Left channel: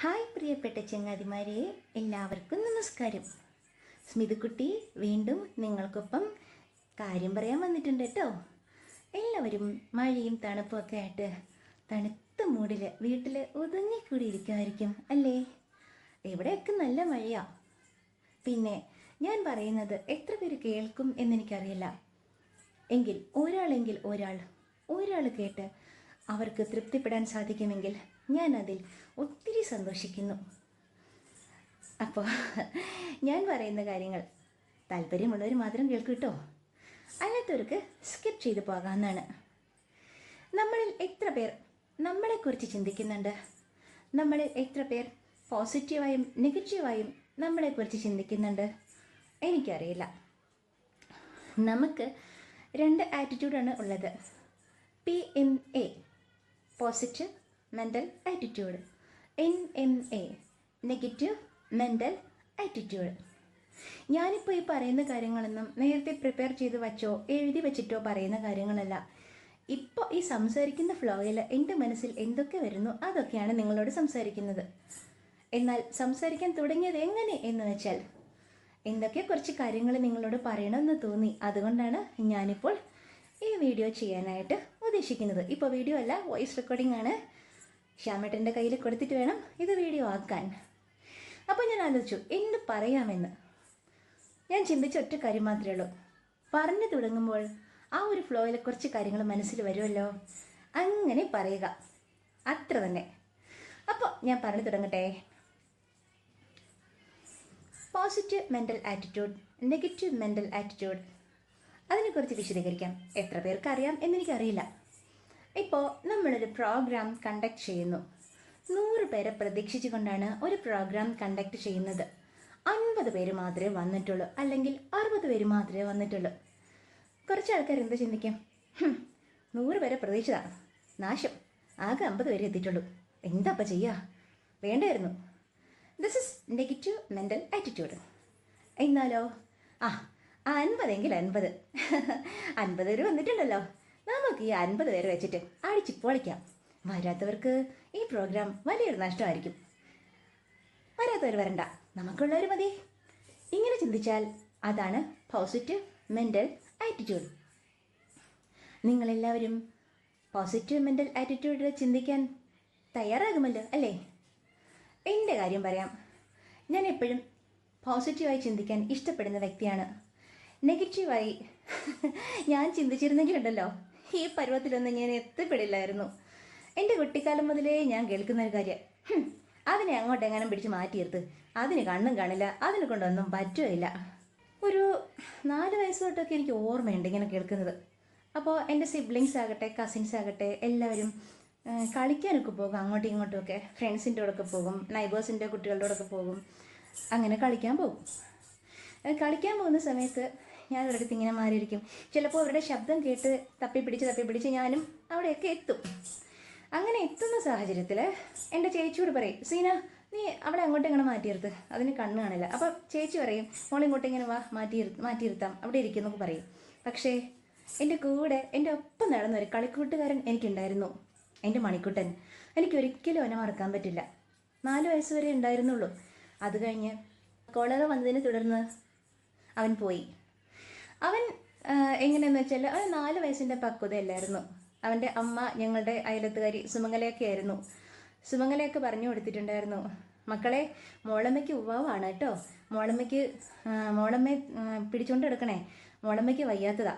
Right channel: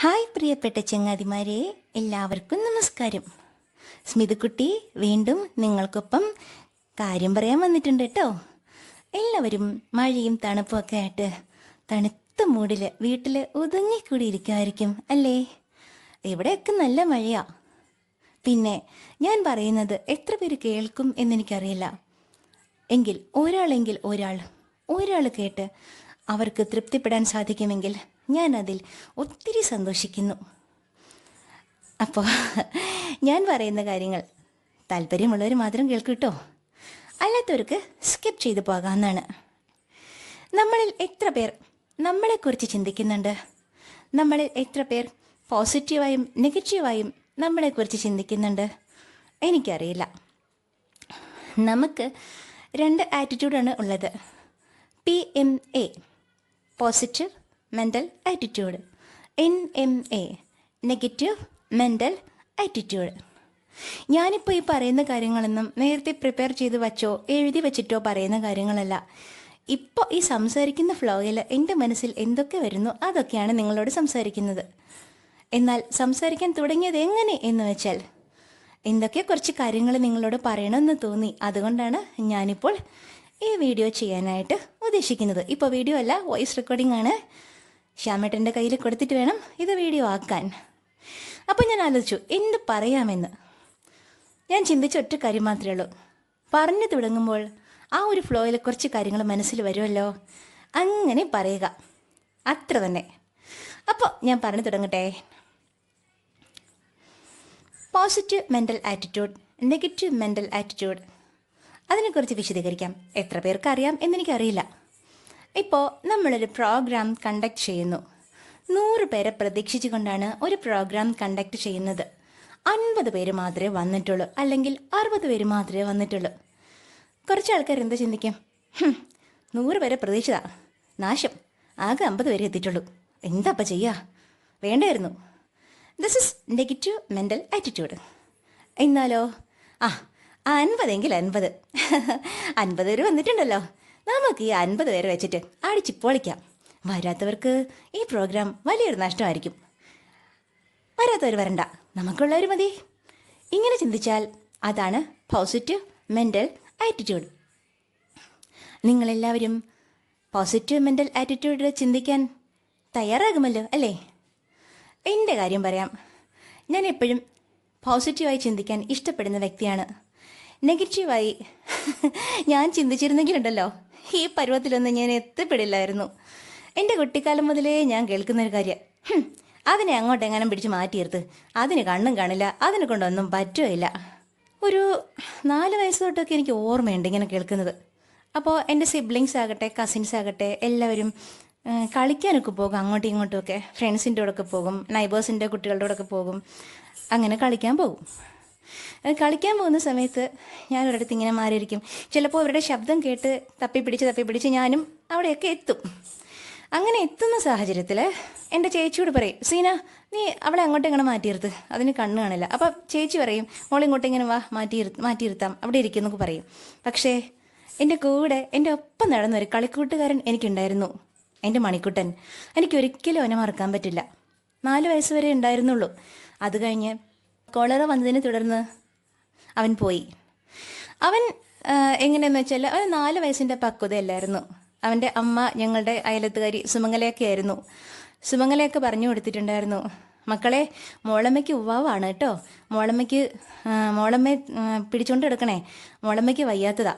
Hi പ്രിയപ്പെട്ട ചങ്ങാതിമാരെ, എല്ലാവർക്കും നമസ്കാരം. സ്മിതക്കുട്ടി വീണ്ടും നിങ്ങൾക്കൊപ്പം കാര്യം പറയാൻ വന്നിട്ടുണ്ട് കേട്ടോ. എല്ലാവരും മഴയും തണുപ്പും ഒക്കെ ആയിട്ട് തണുത്ത മൂടിൽ വീട്ടിൽ ഒതുങ്ങിക്കൂടിയിരിക്കുമായിരിക്കും അല്ലേ? ഇവിടെയൊക്കെ നല്ല മഴയാ. പിന്നെ ഞാൻ പറയുന്നത് എത്ര പേര് കേൾക്കും എന്നെനിക്കറിയില്ല. എങ്കിൽ ഒരാൾ കേട്ട് അവർക്ക് തൃപ്തിപ്പെടാൻ സാധിക്കുമെങ്കിൽ ഞാൻ അതിൽ ഒത്തിരി സന്തോഷിക്കുന്നു. അപ്പോൾ ഞാൻ പറയുന്ന കാര്യങ്ങൾ താല്പര്യമുള്ളവർ മാത്രം കേൾക്കൂ കേട്ടോ, അല്ലാത്തവർക്ക് സ്കിപ്പ് ചെയ്തു പോകാമെന്നാണ്. നമ്മളിൽ എത്ര പേർ നമ്മളെക്കുറിച്ച് ചിന്തിക്കുന്നുണ്ട്? നമ്മളിൽ എത്ര പേർ പോസിറ്റീവായും നെഗറ്റീവായും നമ്മളെക്കുറിച്ച് ചിന്തിക്കുന്നുണ്ട്? എനിക്കറിയില്ല. നമുക്ക് രണ്ട് ആറ്റിറ്റ്യൂഡാണ് ഉള്ളത്. PMA positive mental attitude, NMA negative mental attitude. ഞാനിപ്പോൾ ഈ പറയുന്ന കാര്യങ്ങളൊന്നും നേരത്തെ പ്രിപ്പയർ ചെയ്ത് വച്ചോ എഴുതി വച്ചിട്ടോ പറയുന്ന കാര്യങ്ങളല്ല. ഇപ്പോൾ ഈ സംസാരിക്കുന്ന ഫ്ലോയിൽ എൻ്റെ മനസ്സിൽ എന്തൊക്കെ വരുന്നു അതൊക്കെയാണ് നിങ്ങളോട് സംസാരിക്കുന്നത്. എന്നാൽ സംസാരിക്കാൻ തുടങ്ങിയത് എങ്ങനെ എന്ന് വെച്ചാൽ എന്തൊക്കെ കുറച്ച് കാര്യങ്ങൾ നിങ്ങളോട് പറയണമെന്ന് തോന്നി. അതുകൊണ്ടാണ് ഞാനിപ്പോൾ ഈ വീഡിയോ ചെയ്യാനായിട്ട് ഉദ്ദേശിക്കുന്നത്. ഇപ്പോൾ വീഡിയോ അല്ല, വോയിസ് റെക്കോർഡിംഗ് ആണ്. ശ്യാമേട്ടൻ്റെ കയ്യിൽ കൊടുത്തിട്ട് വേണം ഇത് വീഡിയോ ആക്കാൻ. അപ്പോൾ ഞാൻ ആലോചിച്ചു എന്ത് പറയാമെന്ന്. ഞാൻ ചിന്തിച്ച ഒറ്റ കാര്യം മാത്രമേ ഉള്ളൂ. പറഞ്ഞു തുടങ്ങുമ്പോൾ ആ ഒരു ഫ്ലോയിൽ കുറച്ച് കാര്യങ്ങൾ മനസ്സിൽ വരുമല്ലോ, അങ്ങനെ പറയുക, അത്ര തന്നെ. അപ്പോൾ ഞാൻ പറഞ്ഞു തുടങ്ങട്ടെ. Positive mental attitude, negative mental attitude, അതിനെക്കുറിച്ച് വിശദീകരിക്കാം. എത്ര പേർക്ക് അറിയാം എന്നെനിക്കറിയില്ല. ഇപ്പോൾ നമ്മളൊരു പ്രോഗ്രാം കണ്ടക്ട് ചെയ്യുന്നു. 100 പേരെ പ്രതീക്ഷിച്ചു കൊണ്ടാണ് ഒരു പ്രോഗ്രാം കണ്ടക്ട് ചെയ്യുന്നത്. 50 പേര് മാത്രമേ വന്നിട്ടുള്ളൂ, അല്ലെങ്കിൽ 60 പേര് മാത്രമേ വന്നിട്ടുള്ളൂ. കുറച്ച് ആൾക്കാർ എന്താ ചിന്തിക്കും, 100 പേരെ പ്രതീക്ഷിതാ, നാശം, ആകെ 50 പേരെ എത്തിയിട്ടുള്ളൂ, എന്താ അപ്പം ചെയ്യുക, വേണ്ടായിരുന്നു. This is negative mental attitude. എന്നാലോ 50 എങ്കിൽ 50 പേര് വന്നിട്ടുണ്ടല്ലോ, നമുക്ക് ഈ 50 പേരെ വെച്ചിട്ട് അടിച്ച് പൊളിക്കാം. വരാത്തവർക്ക് ഈ പ്രോഗ്രാം വലിയൊരു നഷ്ടമായിരിക്കും. വരാത്തവർ വരണ്ട, നമുക്കുള്ളവർ മതി. ഇങ്ങനെ ചിന്തിച്ചാൽ അതാണ് പോസിറ്റീവ് മെൻ്റൽ ആറ്റിറ്റ്യൂഡ്. നിങ്ങളെല്ലാവരും പോസിറ്റീവ് മെൻ്റൽ ആറ്റിറ്റ്യൂഡിൽ ചിന്തിക്കാൻ തയ്യാറാകുമല്ലോ അല്ലേ? എൻ്റെ കാര്യം പറയാം. ഞാൻ എപ്പോഴും പോസിറ്റീവായി ചിന്തിക്കാൻ ഇഷ്ടപ്പെടുന്ന വ്യക്തിയാണ്. നെഗറ്റീവായി ഞാൻ ചിന്തിച്ചിരുന്നെങ്കിലുണ്ടല്ലോ ഈ പരുവത്തിലൊന്നും ഞാൻ എത്തിപ്പെടില്ലായിരുന്നു. എൻ്റെ കുട്ടിക്കാലം മുതലേ ഞാൻ കേൾക്കുന്നൊരു കാര്യം, അതിനെ അങ്ങോട്ടെങ്ങാനും പിടിച്ച് മാറ്റിയെടുത്ത്, അതിന് കണ്ണും കാണില്ല, അതിനെ കൊണ്ടൊന്നും പറ്റുകയില്ല. ഒരു 4 വയസ്സ് തൊട്ടൊക്കെ എനിക്ക് ഓർമ്മയുണ്ട് ഇങ്ങനെ കേൾക്കുന്നത്. അപ്പോൾ എൻ്റെ സിബ്ലിങ്സ് ആകട്ടെ, കസിൻസ് ആകട്ടെ, എല്ലാവരും കളിക്കാനൊക്കെ പോകും, അങ്ങോട്ടും ഇങ്ങോട്ടും ഒക്കെ. ഫ്രണ്ട്സിൻ്റെ കൂടെയൊക്കെ പോകും, നൈബേഴ്സിൻ്റെ കുട്ടികളുടെ കൂടെയൊക്കെ പോകും, അങ്ങനെ കളിക്കാൻ പോകും. കളിക്കാൻ പോകുന്ന സമയത്ത് ഞാൻ ഒരിടത്ത് ഇങ്ങനെ മാറിയിരിക്കും. ചിലപ്പോൾ അവരുടെ ശബ്ദം കേട്ട് തപ്പിപ്പിടിച്ച് ഞാനും അവിടെയൊക്കെ എത്തും. അങ്ങനെ എത്തുന്ന സാഹചര്യത്തിൽ എൻ്റെ ചേച്ചിയോട് പറയും, സീന നീ അവളെ അങ്ങോട്ടും ഇങ്ങനെ മാറ്റിയിരുത്ത്, അതിന് കണ്ണ് കാണില്ല. അപ്പോൾ ചേച്ചി പറയും, മോളിങ്ങോട്ട് ഇങ്ങനെ വാ, മാറ്റിയിരുത്താം, അവിടെ ഇരിക്കുന്നൊക്കെ പറയും. പക്ഷേ എൻ്റെ കൂടെ എൻ്റെ ഒപ്പം നടന്നൊരു കളിക്കൂട്ടുകാരൻ എനിക്കുണ്ടായിരുന്നു, എൻ്റെ മണിക്കുട്ടൻ. എനിക്കൊരിക്കലും അവനെ മറക്കാൻ പറ്റില്ല. 4 വയസ്സ് വരെ ഉണ്ടായിരുന്നുള്ളൂ. അത് കഴിഞ്ഞ് കോളറ വന്നതിനെ തുടർന്ന് അവൻ പോയി. അവൻ എങ്ങനെയെന്ന് വെച്ചാൽ അവൻ 4 വയസ്സിൻ്റെ പക്വതയല്ലായിരുന്നു. അവൻ്റെ അമ്മ ഞങ്ങളുടെ അയലത്തുകാരി സുമംഗലയൊക്കെ ആയിരുന്നു. സുമംഗലയൊക്കെ പറഞ്ഞു കൊടുത്തിട്ടുണ്ടായിരുന്നു, മക്കളെ മോളമ്മയ്ക്ക് ഉവ്വാവാണ് കേട്ടോ, മോളമ്മയെ പിടിച്ചുകൊണ്ട് എടുക്കണേ, മോളമ്മയ്ക്ക് വയ്യാത്തതാ.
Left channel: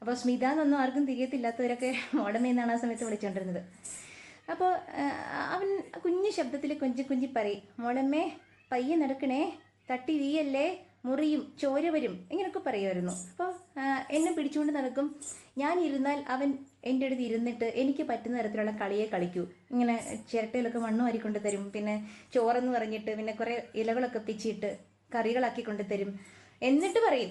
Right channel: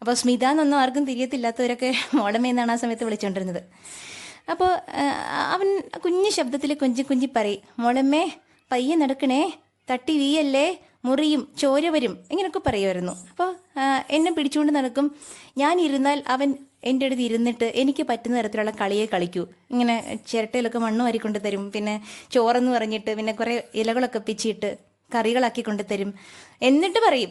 അപ്പോൾ സ്മിത എന്നൊന്നും ആർക്കും തിരിയത്തില്ലാത്തവരൊക്കെ മോളമ്മയെന്നാണ് ആ സമയത്ത് വിളിച്ചുകൊണ്ടിരുന്നത്. അപ്പോൾ അവൻ കുഞ്ഞു ശബ്ദത്തിൽ കുഞ്ചി പറയും, മോളമ്മേ പയ്യെ നടക്കണേ, തട്ടി വീയല്ലേ, മുറിയും ചോര വരും, ഇങ്ങനെയൊക്കെ പറയുമായിരുന്നു. അപ്പോൾ എന്നെ പിടിച്ചുകൊണ്ട് നടക്കും. ഞാൻ ഇരുന്നാൽ അവൻ എൻ്റെ അടുത്ത് ഇരുന്നിട്ട് എനിക്ക് പറ്റുന്ന തരത്തിലുള്ള കളിയെ കളിക്കൂ. ഇങ്ങനെ ചിരട്ടയിലൊക്കെ മണ്ണ് വാരിക്കൊണ്ട് തരും, പിന്നെ ചോറെന്ന് പറഞ്ഞിട്ട് പിന്നെ കുറേ ഇലകളൊക്കെ പിച്ചിട്ട് കറികളാക്കി കൊണ്ട് തരും. എന്നിട്ട് പറയും,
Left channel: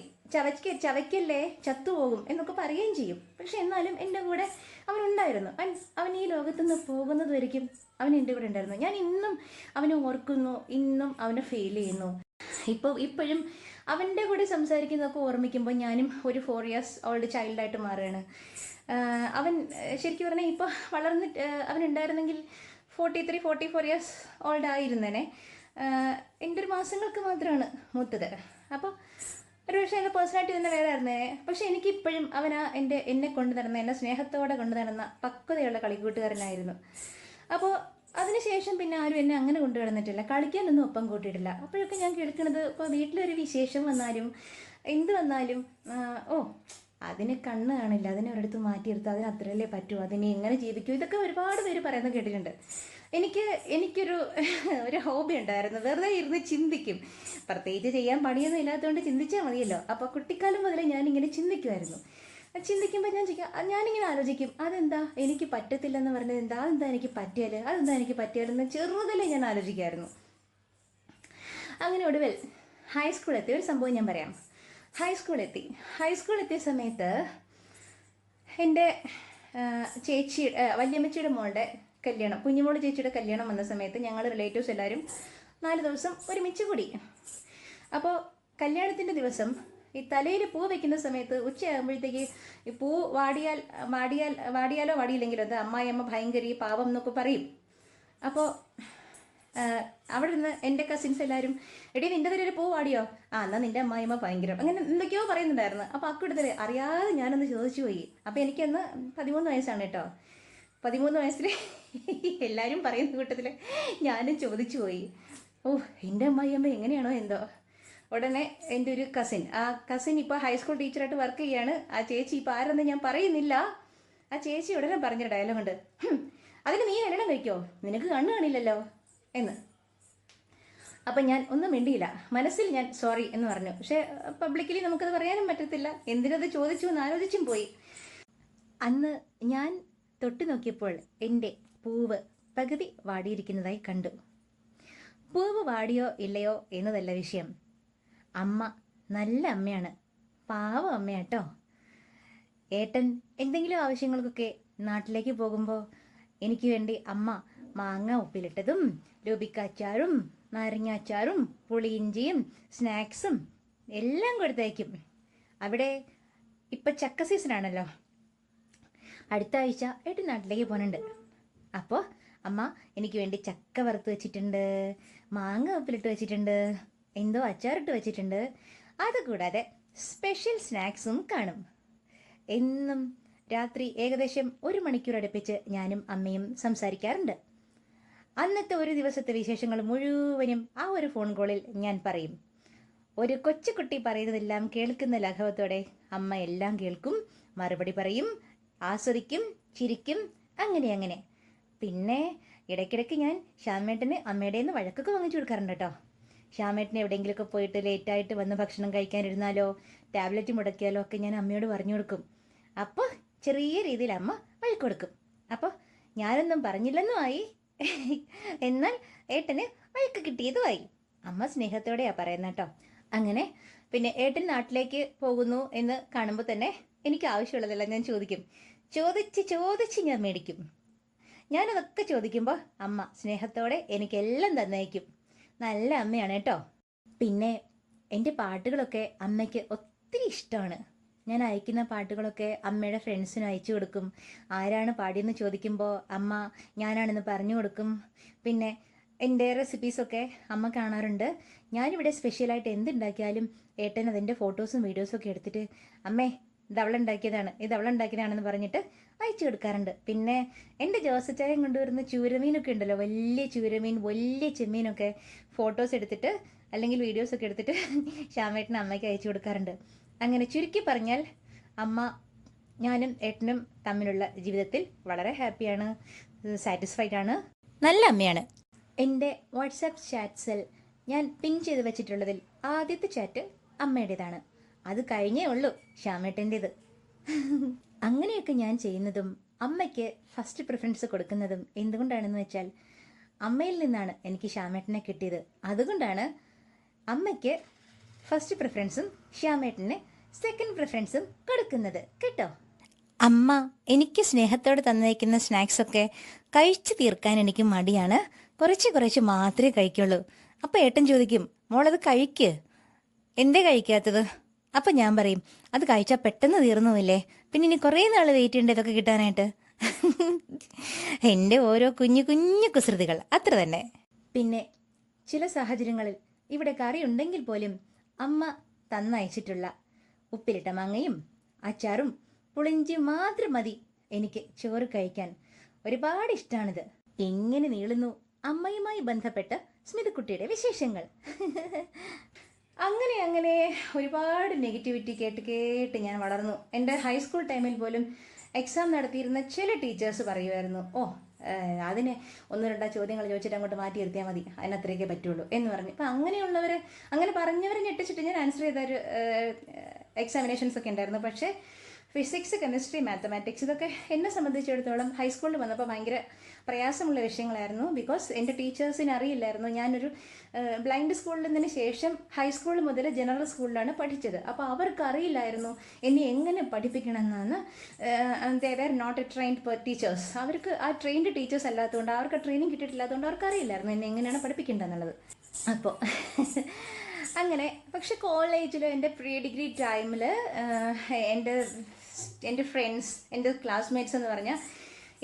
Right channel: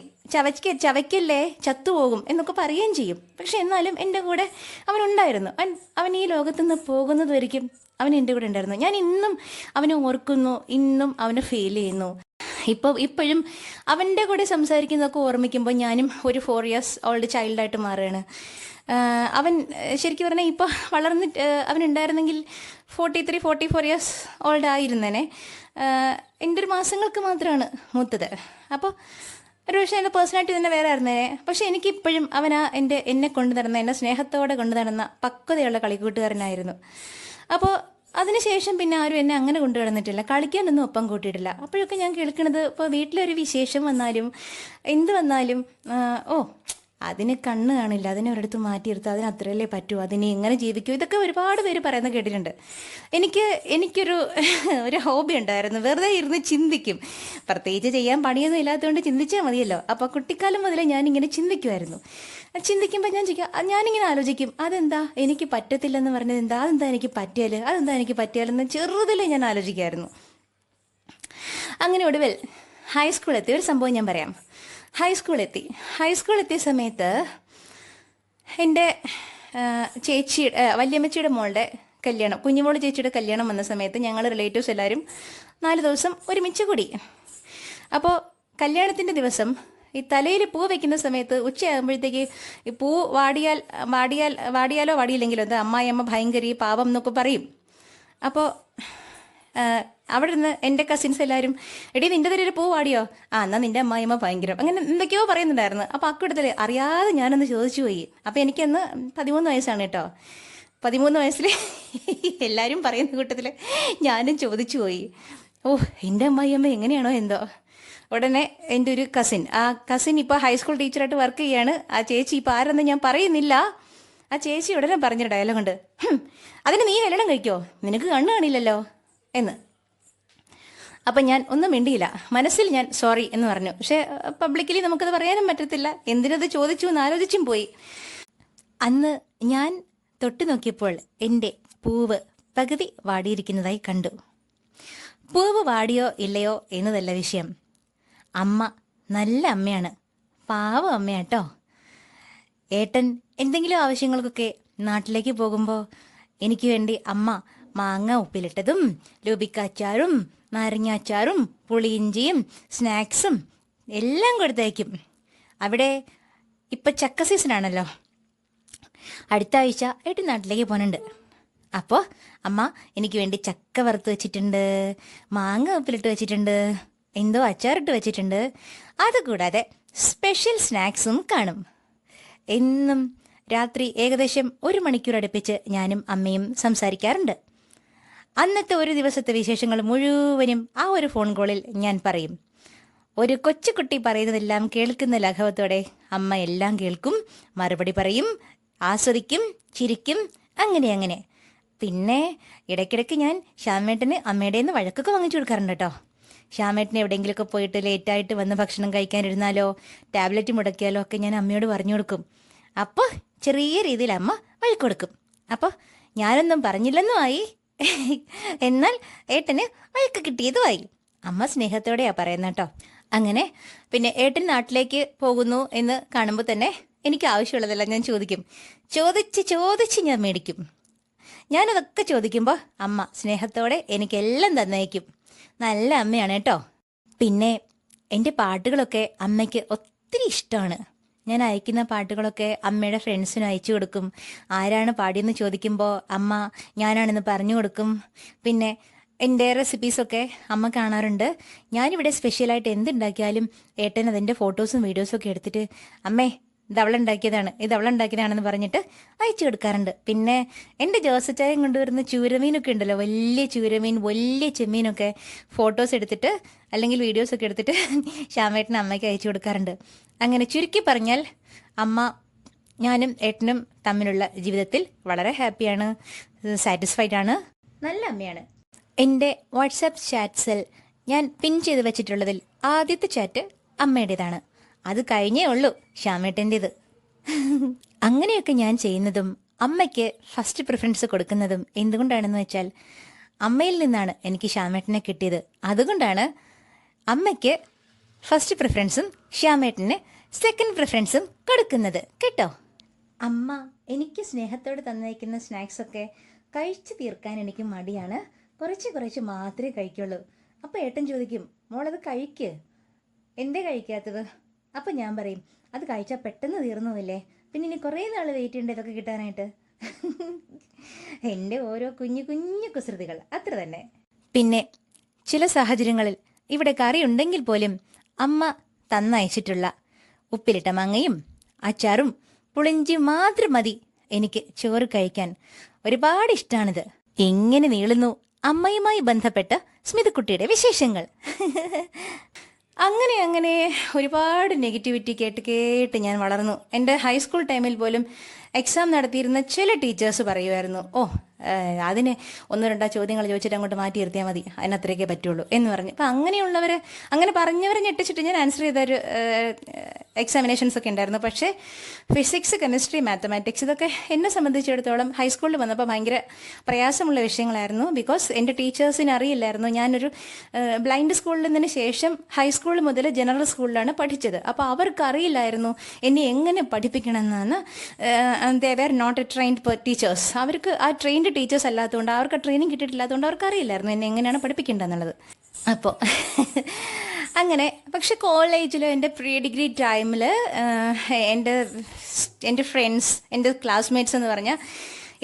ചവയ്ക്കല്ലേ ചത്തുപോകും എന്നൊക്കെ പറയുകയും ചെയ്യും. പക്ഷെ എന്നാലും എൻ്റെ കൂടെ അവനുണ്ടായിരുന്നു. അവൻ ഈ ലോകത്തുനിന്ന് പോകുന്നത് വരെയും അവൻ എൻ്റെ കൂടെ ഉണ്ടായിരുന്നു. ഞാൻ ഇന്നും അവനെ ഓർക്കുന്നു, ഇന്നും അവനെ ഫീൽ ചെയ്യുന്നു. ഇപ്പോഴും അവൻ്റെ കൂടെ സംസാരിക്കുന്നതൊക്കെ ഓർമ്മിക്കുമ്പോൾ ഞാനും ഒരു 4 years ഓൾഡ് ചൈൽഡായിട്ട് മാറുകയാണ്. അവൻ ശരിക്കും പറഞ്ഞാൽ ഇപ്പോൾ വളർന്നിട്ട് അവനുണ്ടായിരുന്നെങ്കിൽ 43-44 ഇയേഴ്സ് ഓൾഡ് ആയിരുന്നേനെ. എൻ്റെ ഒരു മാസങ്ങൾക്ക് മാത്രമാണ് മൂത്തത്. അപ്പോൾ ഒരു പക്ഷേ എൻ്റെ പേഴ്സണാലിറ്റി തന്നെ വേറെ ആയിരുന്നേനെ. പക്ഷേ എനിക്കിപ്പോഴും അവനാ എന്നെ കൊണ്ടു നടന്ന, എന്നെ സ്നേഹത്തോടെ കൊണ്ടു നടന്ന പക്വതയുള്ള കളിക്കൂട്ടുകാരനായിരുന്നു. അപ്പോൾ അതിനുശേഷം പിന്നെ ആരും എന്നെ അങ്ങനെ കൊണ്ടു നടന്നിട്ടില്ല, കളിക്കാനൊന്നും ഒപ്പം കൂട്ടിയിട്ടില്ല. അപ്പോഴൊക്കെ ഞാൻ കേൾക്കുന്നത്, ഇപ്പോൾ വീട്ടിലൊരു വിശേഷം വന്നാലും എന്ത് വന്നാലും അതിന് കണ്ണ് കാണില്ല, അതിനെ ഒരിടത്ത് മാറ്റിയെടുത്ത് അതിന് അത്രയല്ലേ പറ്റൂ, അതിനെ എങ്ങനെ ജീവിക്കൂ, ഇതൊക്കെ ഒരുപാട് പേര് പറയുന്നത് കേട്ടിട്ടുണ്ട്. എനിക്കൊരു ഒരു ഹോബി ഉണ്ടായിരുന്നു, വെറുതെ ഇരുന്ന് ചിന്തിക്കും. പ്രത്യേകിച്ച് ചെയ്യാൻ പണിയൊന്നും ഇല്ലാത്തതുകൊണ്ട് ചിന്തിച്ചാൽ മതിയല്ലോ. അപ്പോൾ കുട്ടിക്കാലം മുതലേ ഞാനിങ്ങനെ ചിന്തിക്കുമായിരുന്നു. ചിന്തിക്കുമ്പോൾ ഞാനിങ്ങനെ ആലോചിക്കും, അതെന്താ എനിക്ക് പറ്റത്തില്ലെന്ന് പറഞ്ഞത് എന്താ, അതെന്താ എനിക്ക് പറ്റിയാലെന്ന് ചെറുതിലേ ഞാൻ ആലോചിക്കുമായിരുന്നു. അങ്ങനെ ഒടുവിൽ ഹൈസ്കൂൾ എത്തിയ ഒരു സംഭവം ഞാൻ പറയാം. ഹൈസ്കൂൾ എത്തിയ സമയത്ത് എൻ്റെ വല്യമ്മച്ചിയുടെ മോളുടെ കല്യാണം, കുഞ്ഞുമോള് ചേച്ചിയുടെ കല്യാണം വന്ന സമയത്ത് ഞങ്ങൾ റിലേറ്റീവ്സ് എല്ലാവരും 4 ദിവസം ഒരുമിച്ച് കൂടി. അപ്പോൾ കല്യാണത്തിൻ്റെ ദിവസം ഈ തലയിൽ പൂ വെക്കുന്ന സമയത്ത് ഉച്ചയാകുമ്പോഴത്തേക്ക് ഈ പൂ വാടിയാലോ വാടിയില്ലെങ്കിലോ അത് അമ്മായിയമ്മ ഭയങ്കര പാവം എന്നൊക്കെ പറയും. അപ്പോൾ അവിടെ നിന്ന് എൻ്റെ കസിൻസ് എല്ലാവരും, എടീ നിൻ്റെ തലയിൽ പൂ വാടിയോ, എന്നാൽ നിൻ്റെ അമ്മായിയമ്മ ഭയങ്കരം, അങ്ങനെ എന്തൊക്കെയോ പറയുന്നുണ്ടായിരുന്നു. അപ്പോൾ അക്കൂട്ടത്തിൽ അറിയാതെ ഞാനൊന്ന് ചോദിച്ചു പോയി. അപ്പോൾ എനിക്കന്ന് 13 വയസ്സാണ് കേട്ടോ. 13 വയസ്സിൽ എല്ലാവരും പറയുന്ന കൂട്ടത്തിൽ ഞാനും ചോദിച്ചു പോയി, എൻ്റെ അമ്മായിയമ്മ എങ്ങനെയാണോ എന്തോ. ഉടനെ എൻ്റെ ഒരു കസിൻ ഇപ്പോൾ ഹൈസ്കൂൾ ടീച്ചറായിട്ട് വർക്ക് ചെയ്യാണ്. ആ ചേച്ചി ഇപ്പോൾ ആരെന്ന് ഞാൻ പറയുന്നില്ല. ആ ചേച്ചി ഉടനെ പറഞ്ഞൊരു ഡയലോഗുണ്ട്, അതിന് നീ കല്യാണം കഴിക്കോ, നിനക്ക് കണ്ണ് കാണില്ലല്ലോ എന്ന്. അപ്പം ഞാൻ ഒന്നും മിണ്ടിയില്ല, മനസ്സിൽ ഞാൻ സോറി എന്ന് പറഞ്ഞു. പക്ഷേ പബ്ലിക്കലി നമുക്കത് പറയാനും പറ്റത്തില്ല, എന്തിനത് ചോദിച്ചു എന്ന് ആലോചിച്ചും പോയി. അന്ന് ഞാൻ തൊട്ട് നോക്കിയപ്പോൾ എൻ്റെ പൂവ് പകുതി വാടിയിരിക്കുന്നതായി കണ്ടു. പൂവ് വാടിയോ ഇല്ലയോ എന്നതല്ല വിഷയം, അമ്മ നല്ല അമ്മയാണ്, പാവ അമ്മയാട്ടോ. ഏട്ടൻ എന്തെങ്കിലും ആവശ്യങ്ങൾക്കൊക്കെ നാട്ടിലേക്ക് പോകുമ്പോൾ എനിക്ക് വേണ്ടി അമ്മ മാങ്ങ ഉപ്പിലിട്ടതും ലൂബിക്കാച്ചാറും നാരങ്ങാച്ചാറും പുളിയിഞ്ചിയും സ്നാക്സും എല്ലാം കൊടുത്തയക്കും. അവിടെ ഇപ്പം ചക്ക സീസണാണല്ലോ, അടുത്ത ആഴ്ച ഏട്ടൻ നാട്ടിലേക്ക് പോകുന്നുണ്ട്. അപ്പോൾ അമ്മ എനിക്ക് വേണ്ടി ചക്ക വറുത്ത് വെച്ചിട്ടുണ്ട്, മാങ്ങ ഉപ്പിലിട്ട് വെച്ചിട്ടുണ്ട്, എന്തോ അച്ചാറിട്ട് വെച്ചിട്ടുണ്ട്. അതുകൂടാതെ സ്പെഷ്യൽ സ്നാക്സും കാണും. എന്നും രാത്രി ഏകദേശം 1 മണിക്കൂർ അടുപ്പിച്ച് ഞാനും അമ്മയും സംസാരിക്കാറുണ്ട്. അന്നത്തെ ഒരു ദിവസത്തെ വിശേഷങ്ങൾ മുഴുവനും ആ ഒരു ഫോൺ കോളിൽ ഞാൻ പറയും. ഒരു കൊച്ചുകുട്ടി പറയുന്നതെല്ലാം കേൾക്കുന്ന ലാഘവത്തോടെ അമ്മ എല്ലാം കേൾക്കും, മറുപടി പറയും, ആസ്വദിക്കും, ചിരിക്കും, അങ്ങനെ. പിന്നെ ഇടയ്ക്കിടയ്ക്ക് ഞാൻ ശ്യാമേട്ടന് അമ്മയുടെ നിന്ന് വഴക്കൊക്കെ വാങ്ങിച്ചു കൊടുക്കാറുണ്ട് കേട്ടോ. ശ്യാമേട്ടന് എവിടെയെങ്കിലുമൊക്കെ പോയിട്ട് ലേറ്റായിട്ട് വന്ന് ഭക്ഷണം കഴിക്കാനിരുന്നാലോ ടാബ്ലറ്റ് മുടക്കിയാലോ ഒക്കെ ഞാൻ അമ്മയോട് പറഞ്ഞു കൊടുക്കും. അപ്പോൾ ചെറിയ രീതിയിൽ അമ്മ വഴക്ക് കൊടുക്കും. അപ്പോൾ ഞാനൊന്നും പറഞ്ഞില്ലെന്നുമായി, എന്നാൽ ഏട്ടന് വഴക്ക് കിട്ടിയതുമായി. അമ്മ സ്നേഹത്തോടെയാണ് പറയുന്നത് കേട്ടോ. അങ്ങനെ പിന്നെ ഏട്ടൻ നാട്ടിലേക്ക് പോകുന്നു എന്ന് കാണുമ്പോൾ തന്നെ എനിക്ക് ആവശ്യമുള്ളതെല്ലാം ഞാൻ ചോദിക്കും. ചോദിച്ച് ഞാൻ മേടിക്കും. ഞാനതൊക്കെ ചോദിക്കുമ്പോൾ അമ്മ സ്നേഹത്തോടെ എനിക്കെല്ലാം തന്നേക്കും. നല്ല അമ്മയാണ് കേട്ടോ. പിന്നെ എൻ്റെ പാട്ടുകളൊക്കെ അമ്മയ്ക്ക് ഒത്തിരി ഇഷ്ടമാണ്. ഞാൻ അയക്കുന്ന പാട്ടുകളൊക്കെ അമ്മയുടെ ഫ്രണ്ട്സിന് അയച്ചു കൊടുക്കും. ആരാണ് പാടിയെന്ന് ചോദിക്കുമ്പോൾ അമ്മ ഞാനാണെന്ന് പറഞ്ഞു കൊടുക്കും. പിന്നെ എൻ്റെ റെസിപ്പീസൊക്കെ അമ്മ കാണാറുണ്ട്. ഞാനിവിടെ സ്പെഷ്യലായിട്ട് എന്തുണ്ടാക്കിയാലും ഏട്ടൻ അതിൻ്റെ ഫോട്ടോസും വീഡിയോസും ഒക്കെ എടുത്തിട്ട് അമ്മേ ഇതവളുണ്ടാക്കിയതാണെന്ന് പറഞ്ഞിട്ട് അയച്ചു കൊടുക്കാറുണ്ട്. പിന്നെ എൻ്റെ ജോസച്ചായം കൊണ്ടുവരുന്ന ചൂരമീനൊക്കെ ഉണ്ടല്ലോ, വലിയ ചൂരമീൻ, വലിയ ചെമ്മീനൊക്കെ ഫോട്ടോസ് എടുത്തിട്ട് അല്ലെങ്കിൽ വീഡിയോസൊക്കെ എടുത്തിട്ട് ശ്യാമേട്ടനും അമ്മയ്ക്ക് അയച്ചു കൊടുക്കാറുണ്ട്. അങ്ങനെ ചുരുക്കി പറഞ്ഞാൽ ഞാനും ഏട്ടനും തമ്മിലുള്ള ജീവിതത്തിൽ വളരെ ഹാപ്പിയാണ്, സാറ്റിസ്ഫൈഡ് ആണ്, നല്ല അമ്മയാണ്. എൻ്റെ വാട്സാപ്പ് ചാറ്റ്സിൽ ഞാൻ പിൻ ചെയ്ത് വെച്ചിട്ടുള്ളതിൽ ആദ്യത്തെ ചാറ്റ് അമ്മയുടേതാണ്. അത് കഴിഞ്ഞേ ഉള്ളൂ ശ്യാമേട്ടൻ്റേത്. അങ്ങനെയൊക്കെ ഞാൻ ചെയ്യുന്നതും അമ്മയ്ക്ക് ഫസ്റ്റ് പ്രിഫറൻസ് കൊടുക്കുന്നതും എന്തുകൊണ്ടാണെന്ന് വെച്ചാൽ അമ്മയിൽ നിന്നാണ് എനിക്ക് ശ്യാമേട്ടനെ കിട്ടിയത്. അതുകൊണ്ടാണ് അമ്മയ്ക്ക് ഫസ്റ്റ് പ്രിഫറൻസും ശ്യാമേട്ടന് സെക്കൻഡ് പ്രിഫറൻസും കൊടുക്കുന്നത് കേട്ടോ. അമ്മ എനിക്ക് സ്നേഹത്തോടെ തന്നേക്കുന്ന സ്നാക്സൊക്കെ കഴിച്ചു തീർക്കാൻ എനിക്ക് മടിയാണ്. കുറച്ച് മാത്രമേ കഴിക്കുള്ളൂ. അപ്പോൾ ഏട്ടൻ ചോദിക്കും, മോളത് കഴിക്ക്, എന്തേ കഴിക്കാത്തത്? അപ്പം ഞാൻ പറയും, അത് കഴിച്ചാൽ പെട്ടെന്ന് തീർന്നുമില്ലേ, പിന്നെ ഇനി കുറേ നാൾ വെയിറ്റ് ചെയ്യേണ്ട ഇതൊക്കെ കിട്ടാനായിട്ട്. എൻ്റെ ഓരോ കുഞ്ഞു കുഞ്ഞു കുസൃതികൾ അത്ര തന്നെ. പിന്നെ ചില സാഹചര്യങ്ങളിൽ ഇവിടെ കറി ഉണ്ടെങ്കിൽ പോലും അമ്മ തന്നയച്ചിട്ടുള്ള ഉപ്പിലിട്ട മാങ്ങയും അച്ചാറും പുളിഞ്ചിയും മാത്രം മതി എനിക്ക് ചോറ് കഴിക്കാൻ. ഒരുപാട് ഇഷ്ടമാണിത്. എങ്ങനെ നീളുന്നു അമ്മയുമായി ബന്ധപ്പെട്ട സ്മിതക്കുട്ടിയുടെ വിശേഷങ്ങൾ. അങ്ങനെ അങ്ങനെ ഒരുപാട് നെഗറ്റിവിറ്റി കേട്ട് കേട്ട് ഞാൻ വളർന്നു. എൻ്റെ ഹൈസ്കൂൾ ടൈമിൽ പോലും എക്സാം നടത്തിയിരുന്ന ചില ടീച്ചേഴ്സ് പറയുമായിരുന്നു, ഓ അതിന് ഒന്നോ രണ്ടോ ചോദ്യങ്ങൾ ചോദിച്ചിട്ട് അങ്ങോട്ട് മാറ്റി നിർത്തിയാൽ മതി, അതിനത്രയൊക്കെ പറ്റുള്ളൂ എന്ന് പറഞ്ഞു. അപ്പം അങ്ങനെയുള്ളവർ, അങ്ങനെ പറഞ്ഞവരെ ഞെട്ടിച്ചിട്ട് ഞാൻ ആൻസർ ചെയ്തൊരു എക്സാമിനേഷൻസ് ഒക്കെ ഉണ്ടായിരുന്നു. പക്ഷേ ഫിസിക്സ്, കെമിസ്ട്രി, മാത്തമാറ്റിക്സ് ഇതൊക്കെ എന്നെ സംബന്ധിച്ചിടത്തോളം ഹൈസ്കൂളിൽ വന്നപ്പോൾ ഭയങ്കര പ്രയാസമുള്ള വിഷയങ്ങളായിരുന്നു. ബിക്കോസ് എൻ്റെ ടീച്ചേഴ്സിന് അറിയില്ലായിരുന്നു. ഞാനൊരു ബ്ലൈൻഡ് സ്കൂളിൽ നിന്നതിന് ശേഷം ഹൈസ്കൂൾ മുതൽ ജനറൽ സ്കൂളിലാണ് പഠിച്ചത്. അപ്പോൾ അവർക്ക് അറിയില്ലായിരുന്നു എന്നെ എങ്ങനെ പഠിപ്പിക്കണമെന്നാണ്. They were not a trained teachers. അവർക്ക് ആ ട്രെയിൻഡ് ടീച്ചേഴ്സ് അല്ലാത്തതുകൊണ്ട്, അവർക്ക് ട്രെയിനിങ് കിട്ടിയിട്ടില്ലാത്തതുകൊണ്ട് അവർക്ക് അറിയില്ലായിരുന്നു എന്നെ എങ്ങനെയാണ് പഠിപ്പിക്കേണ്ടതെന്നുള്ളത്. അപ്പോൾ അങ്ങനെ. പക്ഷെ കോളേജിൽ എൻ്റെ പ്രീ ഡിഗ്രി ടൈമിൽ എൻ്റെ ഫ്രണ്ട്സ്, എൻ്റെ ക്ലാസ്മേറ്റ്സ് എന്ന് പറഞ്ഞാൽ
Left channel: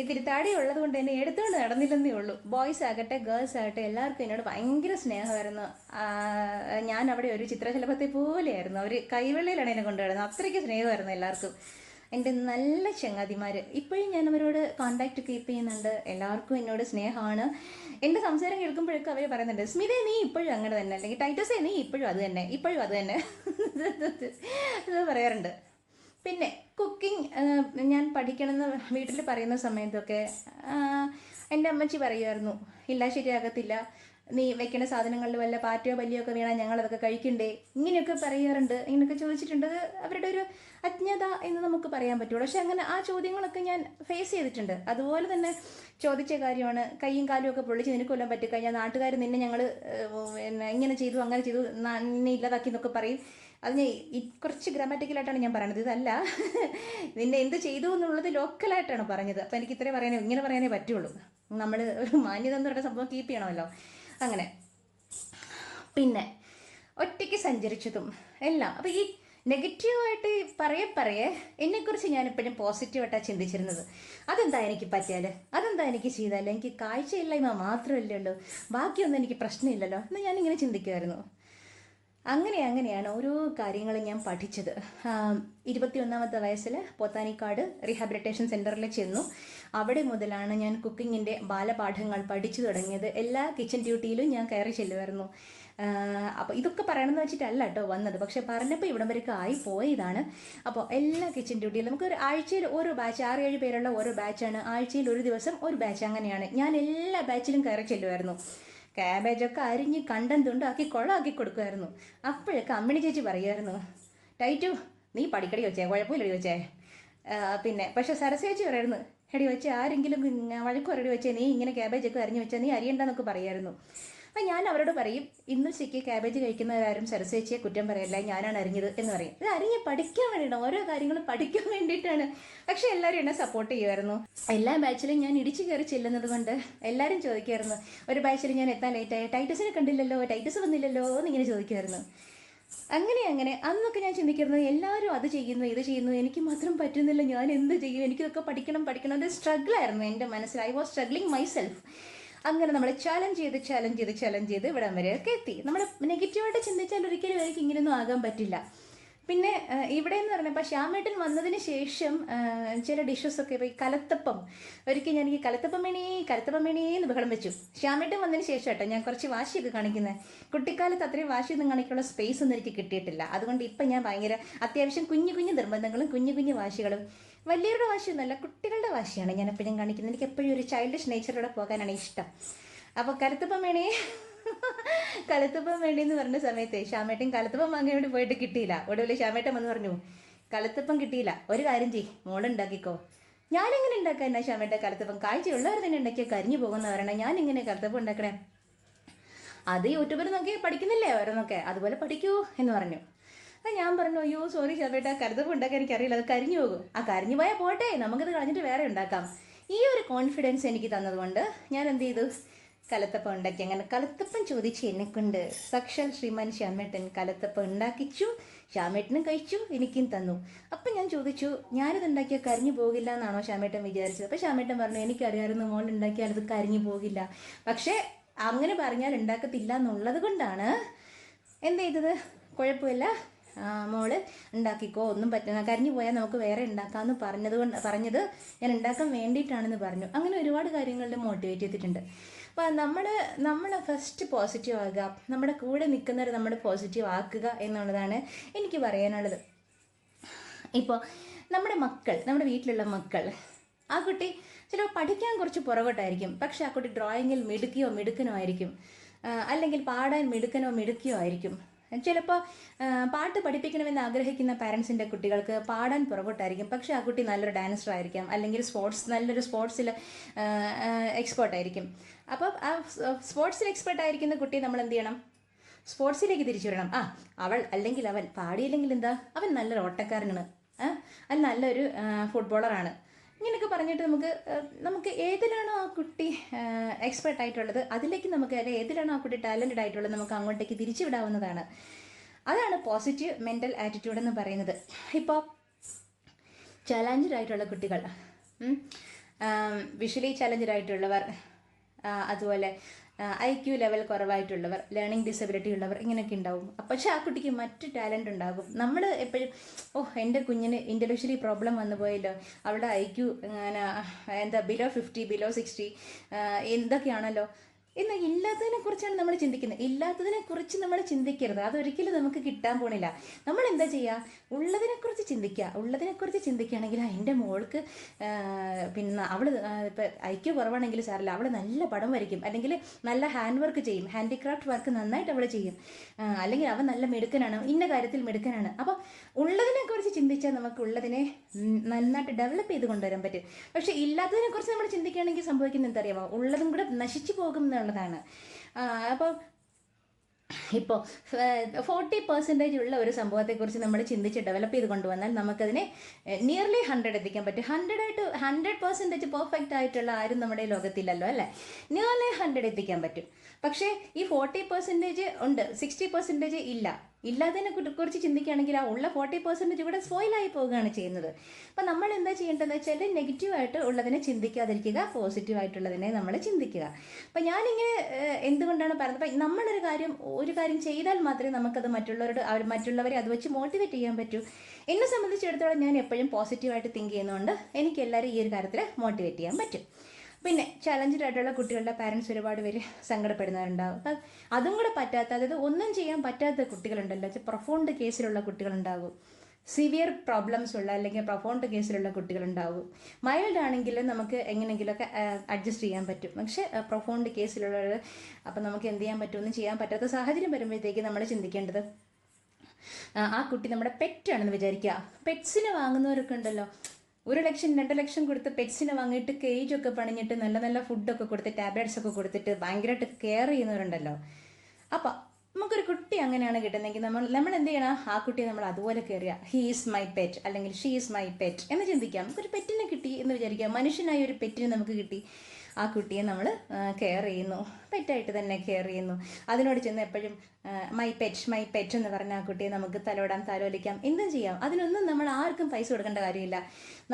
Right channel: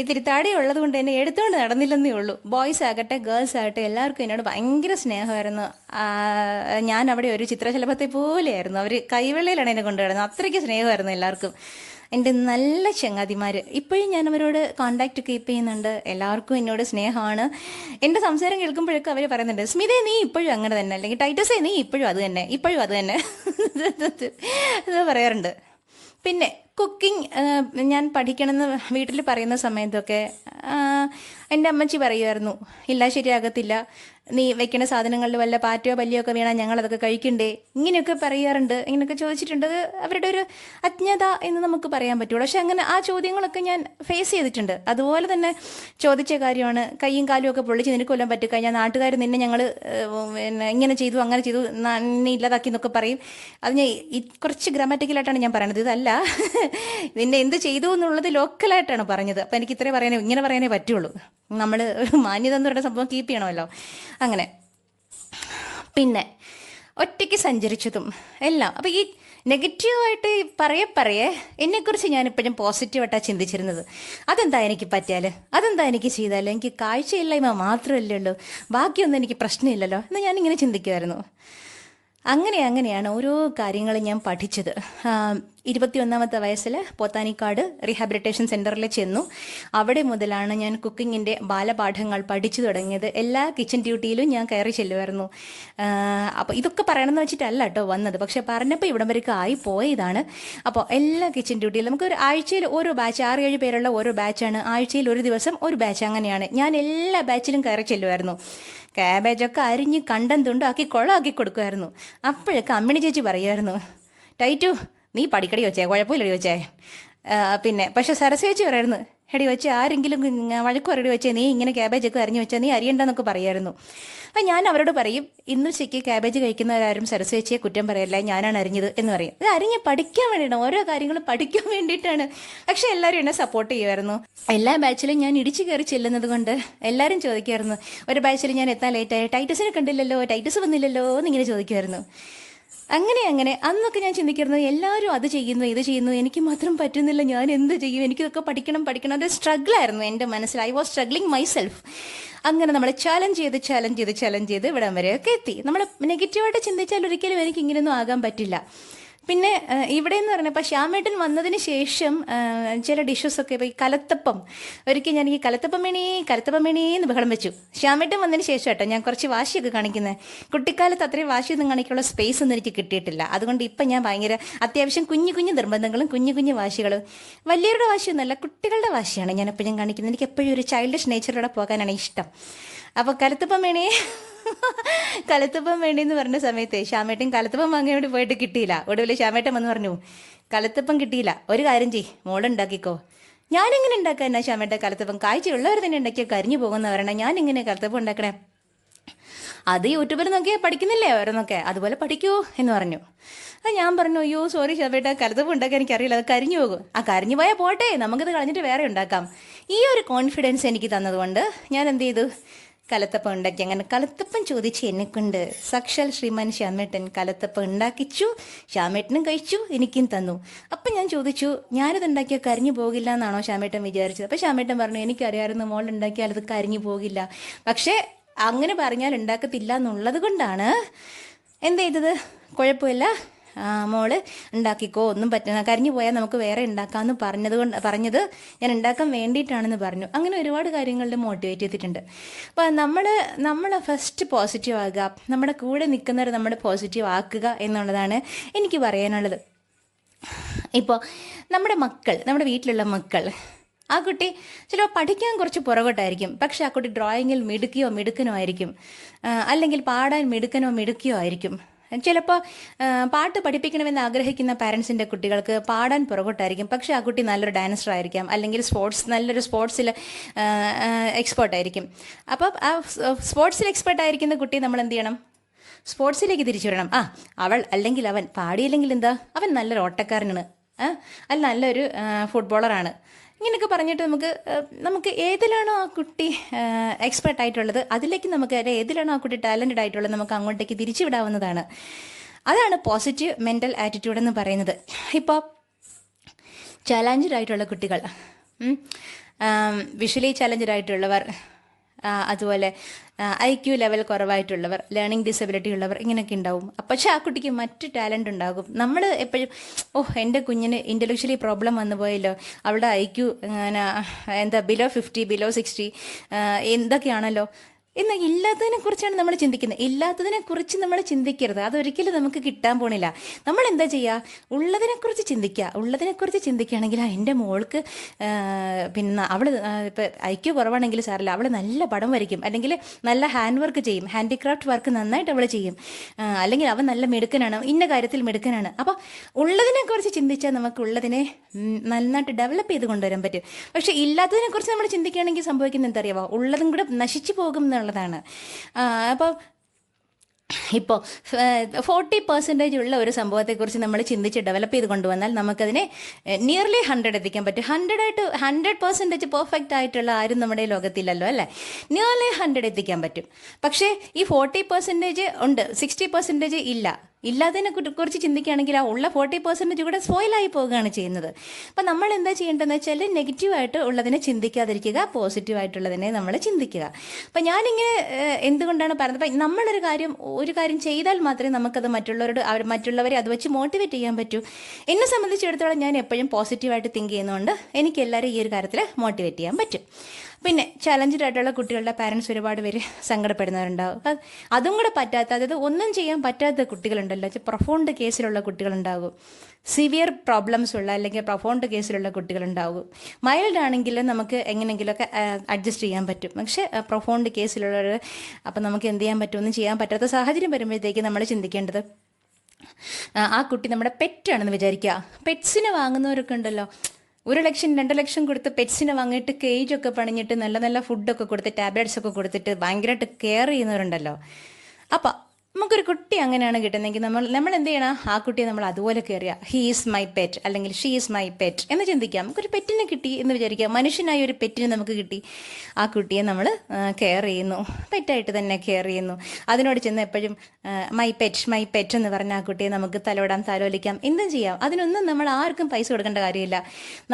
ഇത്തിരി തടി ഉള്ളത് കൊണ്ട് എന്നെ എടുത്തുകൊണ്ട് നടന്നില്ലെന്നേ ഉള്ളൂ. ബോയ്സ് ആകട്ടെ ഗേൾസ് ആകട്ടെ എല്ലാവർക്കും എന്നോട് ഭയങ്കര സ്നേഹമായിരുന്നു. ഞാൻ അവിടെ ഒരു ചിത്രശലഭത്തെ പോലെയായിരുന്നു. അവർ കൈവെള്ളയിലാണ് എന്നെ കൊണ്ടുവരുന്നത്. അത്രയ്ക്ക് സ്നേഹമായിരുന്നു എല്ലാവർക്കും. എൻ്റെ നല്ല ചങ്ങാതിമാർ ഇപ്പോഴും ഞാൻ അവരോട് കോണ്ടാക്റ്റ് കീപ്പ് ചെയ്യുന്നുണ്ട്. എല്ലാവർക്കും എന്നോട് സ്നേഹമാണ്. എൻ്റെ സംസാരം കേൾക്കുമ്പോഴൊക്കെ അവർ പറയുന്നുണ്ട്, സ്മിതേ നീ ഇപ്പോഴും അങ്ങനെ തന്നെ, അല്ലെങ്കിൽ ടൈറ്റസേ നീ ഇപ്പോഴും അത് തന്നെ, ഇപ്പോഴും അത് തന്നെ ഇത് പറയാറുണ്ട്. പിന്നെ കുക്കിംഗ് ഞാൻ പഠിക്കണമെന്ന് വീട്ടിൽ പറയുന്ന സമയത്തൊക്കെ എൻ്റെ അമ്മച്ചി പറയുമായിരുന്നു, ഇല്ല ശരിയാകത്തില്ല, നീ വെക്കുന്ന സാധനങ്ങളിൽ വല്ല പാറ്റയോ പല്ലിയോ ഒക്കെ വീണാൽ ഞങ്ങളതൊക്കെ കഴിക്കണ്ടേ, ഇങ്ങനെയൊക്കെ പറയാറുണ്ട്. ഇങ്ങനെയൊക്കെ ചോദിച്ചിട്ടുണ്ട്. അത് അവരുടെ ഒരു അജ്ഞത എന്ന് നമുക്ക് പറയാൻ പറ്റുള്ളൂ. പക്ഷെ അങ്ങനെ ആ ചോദ്യങ്ങളൊക്കെ ഞാൻ ഫേസ് ചെയ്തിട്ടുണ്ട്. അതുപോലെ തന്നെ ചോദിച്ച കാര്യമാണ്, കൈയും കാലും ഒക്കെ പൊള്ളിച്ച് നിനക്ക് കൊല്ലാൻ പറ്റിക്കഴിഞ്ഞാൽ നാട്ടുകാർ നിന്നെ ഞങ്ങൾ പിന്നെ ഇങ്ങനെ ചെയ്തു അങ്ങനെ ചെയ്തു നിന്നെ ഇല്ലാതാക്കി എന്നൊക്കെ പറയും. അത് ഞാൻ കുറച്ച് ഗ്രാമാറ്റിക്കലായിട്ടാണ് ഞാൻ പറയുന്നത്. ഇതല്ല നിന്നെ എന്ത് ചെയ്തു എന്നുള്ളത് ലോക്കലായിട്ടാണ് പറഞ്ഞത്. അപ്പം എനിക്ക് ഇത്രേ പറയാനേ, ഇങ്ങനെ പറയാനേ പറ്റുള്ളൂ. നമ്മൾ മാന്യത എന്ന് പറയുന്ന സംഭവം കീപ്പ് ചെയ്യണമല്ലോ. അങ്ങനെ പിന്നെ ഒറ്റയ്ക്ക് സഞ്ചരിച്ചതും എല്ലാം. അപ്പോൾ ഈ നെഗറ്റീവായിട്ട് പറയേ എന്നെക്കുറിച്ച് ഞാനിപ്പോഴും പോസിറ്റീവായിട്ടാണ് ചിന്തിച്ചിരുന്നത്. അതെന്താ എനിക്ക് പറ്റിയാൽ, അതെന്താ എനിക്ക് ചെയ്താൽ, എനിക്ക് കാഴ്ചയില്ലായ്മ മാത്രമല്ലേ ഉള്ളൂ, ബാക്കിയൊന്നും എനിക്ക് പ്രശ്നമില്ലല്ലോ എന്ന് ഞാനിങ്ങനെ ചിന്തിക്കുമായിരുന്നു. അങ്ങനെയാണ് ഓരോ കാര്യങ്ങളും ഞാൻ പഠിച്ചത്. 21ാമത്തെ വയസ്സിൽ പോത്താനിക്കാട് റീഹാബിലിറ്റേഷൻ സെൻറ്ററിൽ ചെന്നു. അവിടെ മുതലാണ് ഞാൻ കുക്കിങ്ങിൻ്റെ ബാലപാഠങ്ങൾ പഠിച്ചു തുടങ്ങിയത്. എല്ലാ കിച്ചൺ ഡ്യൂട്ടിയിലും ഞാൻ കയറി ചെല്ലുമായിരുന്നു. അപ്പോൾ ഇതൊക്കെ പറയണമെന്ന് വെച്ചിട്ടല്ല കേട്ടോ വന്നത്, പക്ഷേ പറഞ്ഞപ്പോൾ ഇവിടം വരെയൊക്കെ ആയി പോയതാണ്. അപ്പോൾ എല്ലാ കിച്ചൺ ഡ്യൂട്ടിയിലും നമുക്കൊരു ആഴ്ചയിൽ ഓരോ ബാച്ച്, 6-7 പേരുള്ള ഓരോ ബാച്ചാണ്. ആഴ്ചയിൽ ഒരു ദിവസം ഒരു ബാച്ച്, അങ്ങനെയാണ്. ഞാൻ എല്ലാ ബാച്ചിലും കയറി ചെല്ലുമായിരുന്നു. ക്യാബേജൊക്കെ അരിഞ്ഞ് കണ്ടം തുണ്ടാക്കി കുളമാക്കി കൊടുക്കുമായിരുന്നു. അപ്പോഴൊക്കെ അമ്മിണി ചേച്ചി പറയുമായിരുന്നു, ടൈറ്റു നീ പഠിക്കടി വെച്ചേ, കുഴപ്പമില്ലടി വെച്ചേ. പിന്നെ പക്ഷെ സരസ്വേച്ചി പറയായിരുന്നു, എടി വെച്ചേ ആരെങ്കിലും വഴക്ക് പറയടി വെച്ചേ, നീ ഇങ്ങനെ ക്യാബേജൊക്കെ അരിഞ്ഞ് വെച്ചാൽ നീ അരിയണ്ടെന്നൊക്കെ പറയുമായിരുന്നു. അപ്പം ഞാൻ അവരോട് പറയും, ഇന്ന് ഉച്ചയ്ക്ക് ക്യാബേജ് കഴിക്കുന്നവരാരും സരസ്വേച്ചിയെ കുറ്റം പറയല്ല, ഞാനാണ് അരിഞ്ഞത് എന്ന് പറയും. ഇത് അരിഞ്ഞ് പഠിക്കാൻ വേണ്ടിയിട്ടാണ്, ഓരോ കാര്യങ്ങളും പഠിക്കാൻ വേണ്ടിയിട്ടാണ്. പക്ഷെ എല്ലാവരും എന്നെ സപ്പോർട്ട് ചെയ്യുമായിരുന്നു. എല്ലാ ബാച്ചിലും ഞാൻ ഇടിച്ചു കയറി ചെല്ലുന്നത് കൊണ്ട് എല്ലാവരും ചോദിക്കുമായിരുന്നു. ഒരു ബാച്ചിൽ ഞാൻ എത്താൻ ലേറ്റായി, ടൈറ്റസിനെ കണ്ടില്ലല്ലോ, ടൈറ്റസ് വന്നില്ലല്ലോ എന്നിങ്ങനെ ചോദിക്കുമായിരുന്നു. അങ്ങനെ അന്നൊക്കെ ഞാൻ ചിന്തിക്കുന്നത്, എല്ലാവരും അത് ചെയ്യുന്നു ഇത് ചെയ്യുന്നു, എനിക്ക് മാത്രം പറ്റുന്നില്ല, ഞാൻ എന്ത് ചെയ്യും, എനിക്കിതൊക്കെ പഠിക്കണം. അത് സ്ട്രഗിളായിരുന്നു എൻ്റെ മനസ്സിൽ. I was struggling my self. അങ്ങനെ നമ്മൾ ചാലഞ്ച് ചെയ്ത് ഇവിടം വരെയൊക്കെ എത്തി. നമ്മൾ നെഗറ്റീവായിട്ട് ചിന്തിച്ചാൽ ഒരിക്കലും എനിക്ക് ഇങ്ങനെയൊന്നും ആകാൻ പറ്റില്ല. പിന്നെ ഇവിടെ എന്ന് പറഞ്ഞപ്പോൾ ശ്യാമേട്ടൻ വന്നതിന് ശേഷം ചില ഡിഷസൊക്കെ, ഇപ്പോൾ ഈ കലത്തപ്പം, ഒരിക്കൽ ഞാൻ ഈ കലത്തപ്പം വേണേ എന്ന് ബഹളം വെച്ചു. ശ്യാമേട്ടൻ വന്നതിന് ശേഷം കേട്ടോ ഞാൻ കുറച്ച് വാശിയൊക്കെ കാണിക്കുന്നത്. കുട്ടിക്കാലത്ത് അത്രയും വാശിയൊന്നും കാണിക്കാനുള്ള സ്പേസ് ഒന്നും എനിക്ക് കിട്ടിയിട്ടില്ല. അതുകൊണ്ട് ഇപ്പം ഞാൻ ഭയങ്കര അത്യാവശ്യം കുഞ്ഞു നിർബന്ധങ്ങളും കുഞ്ഞു വാശികളും. വലിയവരുടെ വാശിയൊന്നുമല്ല, കുട്ടികളുടെ വാശിയാണ് ഞാൻ എപ്പോഴും കാണിക്കുന്നത്. എനിക്ക് എപ്പോഴും ഒരു ചൈൽഡിഷ് നേച്ചറിലൂടെ പോകാനാണ് ഇഷ്ടം. അപ്പോൾ കലത്തപ്പം വേണേന്ന് പറഞ്ഞ സമയത്ത് ശ്യാമേട്ടൻ കലത്തപ്പം വാങ്ങാൻ വേണ്ടി പോയിട്ട് കിട്ടിയില്ല. ഒടുവിൽ ശ്യാമേട്ടൻ വന്ന് പറഞ്ഞു, കലത്തപ്പം കിട്ടിയില്ല, ഒരു കാര്യം ചെയ്യ്, മോളുണ്ടാക്കിക്കോ. ഞാനെങ്ങനെ ഉണ്ടാക്കാനാ ശ്യാമേട്ടൻ കലത്തപ്പം? കാഴ്ചയുള്ളവർ തന്നെ ഉണ്ടാക്കിയാൽ കരിഞ്ഞു പോകുന്ന പറയണം, ഞാനിങ്ങനെ കലത്തപ്പം ഉണ്ടാക്കണേ? അത് യൂട്യൂബിൽ നോക്കിയാൽ പഠിക്കുന്നില്ലേ ഓരോന്നൊക്കെ, അതുപോലെ പഠിക്കൂ എന്ന് പറഞ്ഞു. ഞാൻ പറഞ്ഞു, അയ്യോ സോറി ശ്യാമേട്ട, കലത്തപ്പം ഉണ്ടാക്കാൻ എനിക്കറിയില്ല, അത് കരിഞ്ഞു പോകും. കരിഞ്ഞു പോയാൽ പോട്ടെ, നമുക്കിത് കളഞ്ഞിട്ട് വേറെ ഉണ്ടാക്കാം. ഈ ഒരു കോൺഫിഡൻസ് എനിക്ക് തന്നതുകൊണ്ട് ഞാൻ എന്ത് ചെയ്തു, കലത്തപ്പം ഉണ്ടാക്കി. അങ്ങനെ കലത്തപ്പം ചോദിച്ച് എന്നെക്കൊണ്ട് സാക്ഷാൽ ശ്രീമാൻ ശ്യാമേട്ടൻ കലത്തപ്പം ഉണ്ടാക്കിച്ചു. ശ്യാമേട്ടനും കഴിച്ചു, എനിക്കും തന്നു. അപ്പം ഞാൻ ചോദിച്ചു, ഞാനിത് ഉണ്ടാക്കിയാൽ കരിഞ്ഞു പോകില്ല എന്നാണോ ശ്യാമേട്ടൻ വിചാരിച്ചത്? അപ്പം ശ്യാമേട്ടൻ പറഞ്ഞു, എനിക്കറിയാമായിരുന്നു മോൾ ഉണ്ടാക്കിയാൽ അത് കരിഞ്ഞു പോകില്ല, പക്ഷേ അങ്ങനെ പറഞ്ഞാൽ ഉണ്ടാക്കത്തില്ല എന്നുള്ളത് കൊണ്ടാണ് എന്ത് ചെയ്തത്. കുഴപ്പമില്ല മോള് ഉണ്ടാക്കിക്കോ, ഒന്നും പറ്റുന്ന കരിഞ്ഞു പോയാൽ നമുക്ക് വേറെ ഉണ്ടാക്കാമെന്ന് പറഞ്ഞത് ഞാൻ ഉണ്ടാക്കാൻ വേണ്ടിയിട്ടാണെന്ന് പറഞ്ഞു. അങ്ങനെ ഒരുപാട് കാര്യങ്ങളിൽ മോട്ടിവേറ്റ് ചെയ്തിട്ടുണ്ട്. അപ്പോൾ നമ്മൾ ഫസ്റ്റ് പോസിറ്റീവ് ആകുക, നമ്മുടെ കൂടെ നിൽക്കുന്നവർ നമ്മൾ പോസിറ്റീവ് ആക്കുക എന്നുള്ളതാണ് എനിക്ക് പറയാനുള്ളത്. ഇപ്പോൾ നമ്മുടെ വീട്ടിലുള്ള മക്കൾ, ആ കുട്ടി ചിലപ്പോൾ പഠിക്കാൻ കുറച്ച് പുറകോട്ടായിരിക്കും, പക്ഷെ ആ കുട്ടി ഡ്രോയിങ്ങിൽ മിടുക്കനോ ആയിരിക്കും, അല്ലെങ്കിൽ പാടാൻ മിടുക്കിയോ ആയിരിക്കും. ചിലപ്പോൾ പാട്ട് പഠിപ്പിക്കണമെന്ന് ആഗ്രഹിക്കുന്ന പാരൻസിൻ്റെ കുട്ടികൾക്ക് പാടാൻ പുറകോട്ടായിരിക്കും, പക്ഷേ ആ കുട്ടി നല്ലൊരു ഡാൻസർ ആയിരിക്കാം, അല്ലെങ്കിൽ നല്ലൊരു സ്പോർട്സിൽ എക്സ്പേർട്ടായിരിക്കും. അപ്പോൾ ആ സ്പോർട്സിൽ എക്സ്പേർട്ടായിരിക്കുന്ന കുട്ടി നമ്മൾ എന്ത് ചെയ്യണം? സ്പോർട്സിലേക്ക് തിരിച്ചു വിടണം. അവൾ അല്ലെങ്കിൽ അവൻ പാടിയില്ലെങ്കിൽ എന്താ, അവൻ നല്ലൊരു ഓട്ടക്കാരനാണ്, അല്ല നല്ലൊരു ഫുട്ബോളറാണ്, ഇങ്ങനെയൊക്കെ പറഞ്ഞിട്ട് നമുക്ക് ഏതിലാണോ ആ കുട്ടി എക്സ്പെർട്ടായിട്ടുള്ളത് അതിലേക്ക് നമുക്ക്, ഏതിലാണോ ആ കുട്ടി ടാലൻറ്റഡ് ആയിട്ടുള്ളത് നമുക്ക് അങ്ങോട്ടേക്ക് തിരിച്ചു വിടാവുന്നതാണ്. അതാണ് പോസിറ്റീവ് മെൻ്റൽ ആറ്റിറ്റ്യൂഡ് എന്ന് പറയുന്നത്. ഇപ്പോൾ ചാലഞ്ചഡ് ആയിട്ടുള്ള കുട്ടികൾ, വിഷ്വലി ചാലഞ്ചഡ് ആയിട്ടുള്ളവർ, അതുപോലെ IQ ലെവൽ കുറവായിട്ടുള്ളവർ, ലേണിംഗ് ഡിസബിലിറ്റി ഉള്ളവർ, ഇങ്ങനെയൊക്കെ ഉണ്ടാവും. പക്ഷേ ആ കുട്ടിക്ക് മറ്റ് ടാലൻ്റ് ഉണ്ടാകും. നമ്മൾ എപ്പോഴും എൻ്റെ കുഞ്ഞിന് ഇൻ്റലക്ച്വലി പ്രോബ്ലം വന്നു പോയല്ലോ, അവളുടെ IQ ബിലോ 50 ബിലോ 60 എന്തൊക്കെയാണല്ലോ എന്നാൽ ഇല്ലാത്തതിനെക്കുറിച്ചാണ് നമ്മൾ ചിന്തിക്കുന്നത്. ഇല്ലാത്തതിനെക്കുറിച്ച് നമ്മൾ ചിന്തിക്കരുത്, അതൊരിക്കലും നമുക്ക് കിട്ടാൻ പോണില്ല. നമ്മൾ എന്താ ചെയ്യുക? ഉള്ളതിനെക്കുറിച്ച് ചിന്തിക്കുകയാണെങ്കിൽ എൻ്റെ മോൾക്ക് പിന്നെ അവൾ ഇപ്പോൾ IQ കുറവാണെങ്കിൽ സാറില്ല, അവൾ നല്ല പടം വരയ്ക്കും, അല്ലെങ്കിൽ നല്ല ഹാൻഡ് വർക്ക് ചെയ്യും, ഹാൻഡിക്രാഫ്റ്റ് വർക്ക് നന്നായിട്ട് അവൾ ചെയ്യും, അല്ലെങ്കിൽ അവൻ നല്ല മിടുക്കനാണ്, ഇന്ന കാര്യത്തിൽ മിടുക്കനാണ്. അപ്പോൾ ഉള്ളതിനെക്കുറിച്ച് ചിന്തിച്ചാൽ നമുക്ക് ഉള്ളതിനെ നന്നായിട്ട് ഡെവലപ്പ് ചെയ്ത് കൊണ്ടുവരാൻ പറ്റും. പക്ഷേ ഇല്ലാത്തതിനെക്കുറിച്ച് നമ്മൾ ചിന്തിക്കുകയാണെങ്കിൽ സംഭവിക്കുന്നത് എന്തറിയാമോ? ഉള്ളതും കൂടെ നശിച്ചു പോകും എന്നുള്ളതാണ്. അപ്പോൾ 40% ഉള്ള ഒരു സംഭവത്തെക്കുറിച്ച് നമ്മൾ ചിന്തിച്ച് ഡെവലപ്പ് ചെയ്ത് കൊണ്ടുവന്നാൽ നമുക്കതിനെ നിയർലി 100 എത്തിക്കാൻ പറ്റും. 100% പെർഫെക്റ്റ് ആയിട്ടുള്ള ആരും നമ്മുടെ ലോകത്തില്ലല്ലോ, അല്ലേ? നിയർലി 100 എത്തിക്കാൻ പറ്റും. പക്ഷേ ഈ 40% ഉണ്ട്, 60% ഇല്ല. ഇല്ലാത്തതിനെ കുറിച്ച് ചിന്തിക്കുകയാണെങ്കിൽ ആ ഉള്ള 40% കൂടെ സ്പോയിലായി പോവുകയാണ് ചെയ്യുന്നത്. അപ്പം നമ്മൾ എന്താ ചെയ്യേണ്ടതെന്ന് വെച്ചാൽ നെഗറ്റീവായിട്ട് ഉള്ളതിനെ ചിന്തിക്കാതിരിക്കുക, പോസിറ്റീവായിട്ടുള്ളതിനെ നമ്മൾ ചിന്തിക്കുക. അപ്പം ഞാനിങ്ങനെ എന്തുകൊണ്ടാണ് പറയുന്നത്, അപ്പം നമ്മളൊരു കാര്യം ചെയ്താൽ മാത്രമേ നമുക്കത് മറ്റുള്ളവരെ അത് വെച്ച് മോട്ടിവേറ്റ് ചെയ്യാൻ പറ്റൂ. എന്നെ സംബന്ധിച്ചിടത്തോളം ഞാൻ എപ്പോഴും പോസിറ്റീവായിട്ട് തിങ്ക് ചെയ്യുന്നതുകൊണ്ട് എനിക്ക് എല്ലാവരും ഈ ഒരു കാര്യത്തിൽ മോട്ടിവേറ്റ് ചെയ്യാൻ പറ്റും. പിന്നെ ചലഞ്ചഡ് ആയിട്ടുള്ള കുട്ടികളുടെ പാരൻസ് ഒരുപാട് പേര് സങ്കടപ്പെടുന്നവരുണ്ടാവും. അതും കൂടെ പറ്റാത്ത, അതായത് ഒന്നും ചെയ്യാൻ പറ്റാത്ത കുട്ടികളുണ്ടല്ലോ, പ്രൊഫൗണ്ട് കേസിലുള്ള കുട്ടികളുണ്ടാകും, സിവിയർ പ്രോബ്ലംസ് ഉള്ള അല്ലെങ്കിൽ പ്രൊഫൗണ്ട് കേസിലുള്ള കുട്ടികളുണ്ടാകും. മൈൽഡ് ആണെങ്കിൽ നമുക്ക് എങ്ങനെയെങ്കിലുമൊക്കെ അഡ്ജസ്റ്റ് ചെയ്യാൻ പറ്റും. പക്ഷേ പ്രൊഫൗണ്ട് കേസിലുള്ളവർ, അപ്പം നമുക്ക് എന്ത് ചെയ്യാൻ പറ്റും? ഒന്നും ചെയ്യാൻ പറ്റാത്ത സാഹചര്യം വരുമ്പോഴത്തേക്ക് നമ്മൾ ചിന്തിക്കേണ്ടത്, ആ കുട്ടി നമ്മുടെ പെറ്റാണെന്ന് വിചാരിക്കുക. പെറ്റ്സിനെ വാങ്ങുന്നവരൊക്കെ ഉണ്ടല്ലോ, 1 ലക്ഷം 2 ലക്ഷം കൊടുത്ത് പെറ്റ്സിനെ വാങ്ങിയിട്ട് കേജൊക്കെ പണിഞ്ഞിട്ട് നല്ല നല്ല ഫുഡൊക്കെ കൊടുത്ത് ടാബ്ലറ്റ്സ് ഒക്കെ കൊടുത്തിട്ട് ഭയങ്കരമായിട്ട് കെയർ ചെയ്യുന്നവരുണ്ടല്ലോ. അപ്പം നമുക്കൊരു കുട്ടി അങ്ങനെയാണ് കിട്ടുന്നതെങ്കിൽ നമ്മൾ എന്ത് ചെയ്യണം? ആ കുട്ടിയെ നമ്മൾ അതുപോലെ കെയർ ചെയ്യുക. ഹീ ഈസ് മൈ പെറ്റ് അല്ലെങ്കിൽ ഷീ ഈസ് മൈ പെറ്റ് എന്ന് ചിന്തിക്കാം. നമുക്കൊരു പെറ്റിനെ കിട്ടി എന്ന് വിചാരിക്കാം, മനുഷ്യനായ ഒരു പെറ്റിനെ നമുക്ക് കിട്ടി, ആ കുട്ടിയെ നമ്മൾ കെയർ ചെയ്യുന്നു, പെറ്റായിട്ട് തന്നെ കെയർ ചെയ്യുന്നു. അതിനോട് ചെന്ന് എപ്പോഴും മൈ പെറ്റ് എന്ന് പറഞ്ഞ ആ കുട്ടിയെ നമുക്ക് തലോടാം, താലോലിക്കാം, എന്തും ചെയ്യാം. അതിനൊന്നും നമ്മൾ ആർക്കും പൈസ കൊടുക്കേണ്ട കാര്യമില്ല,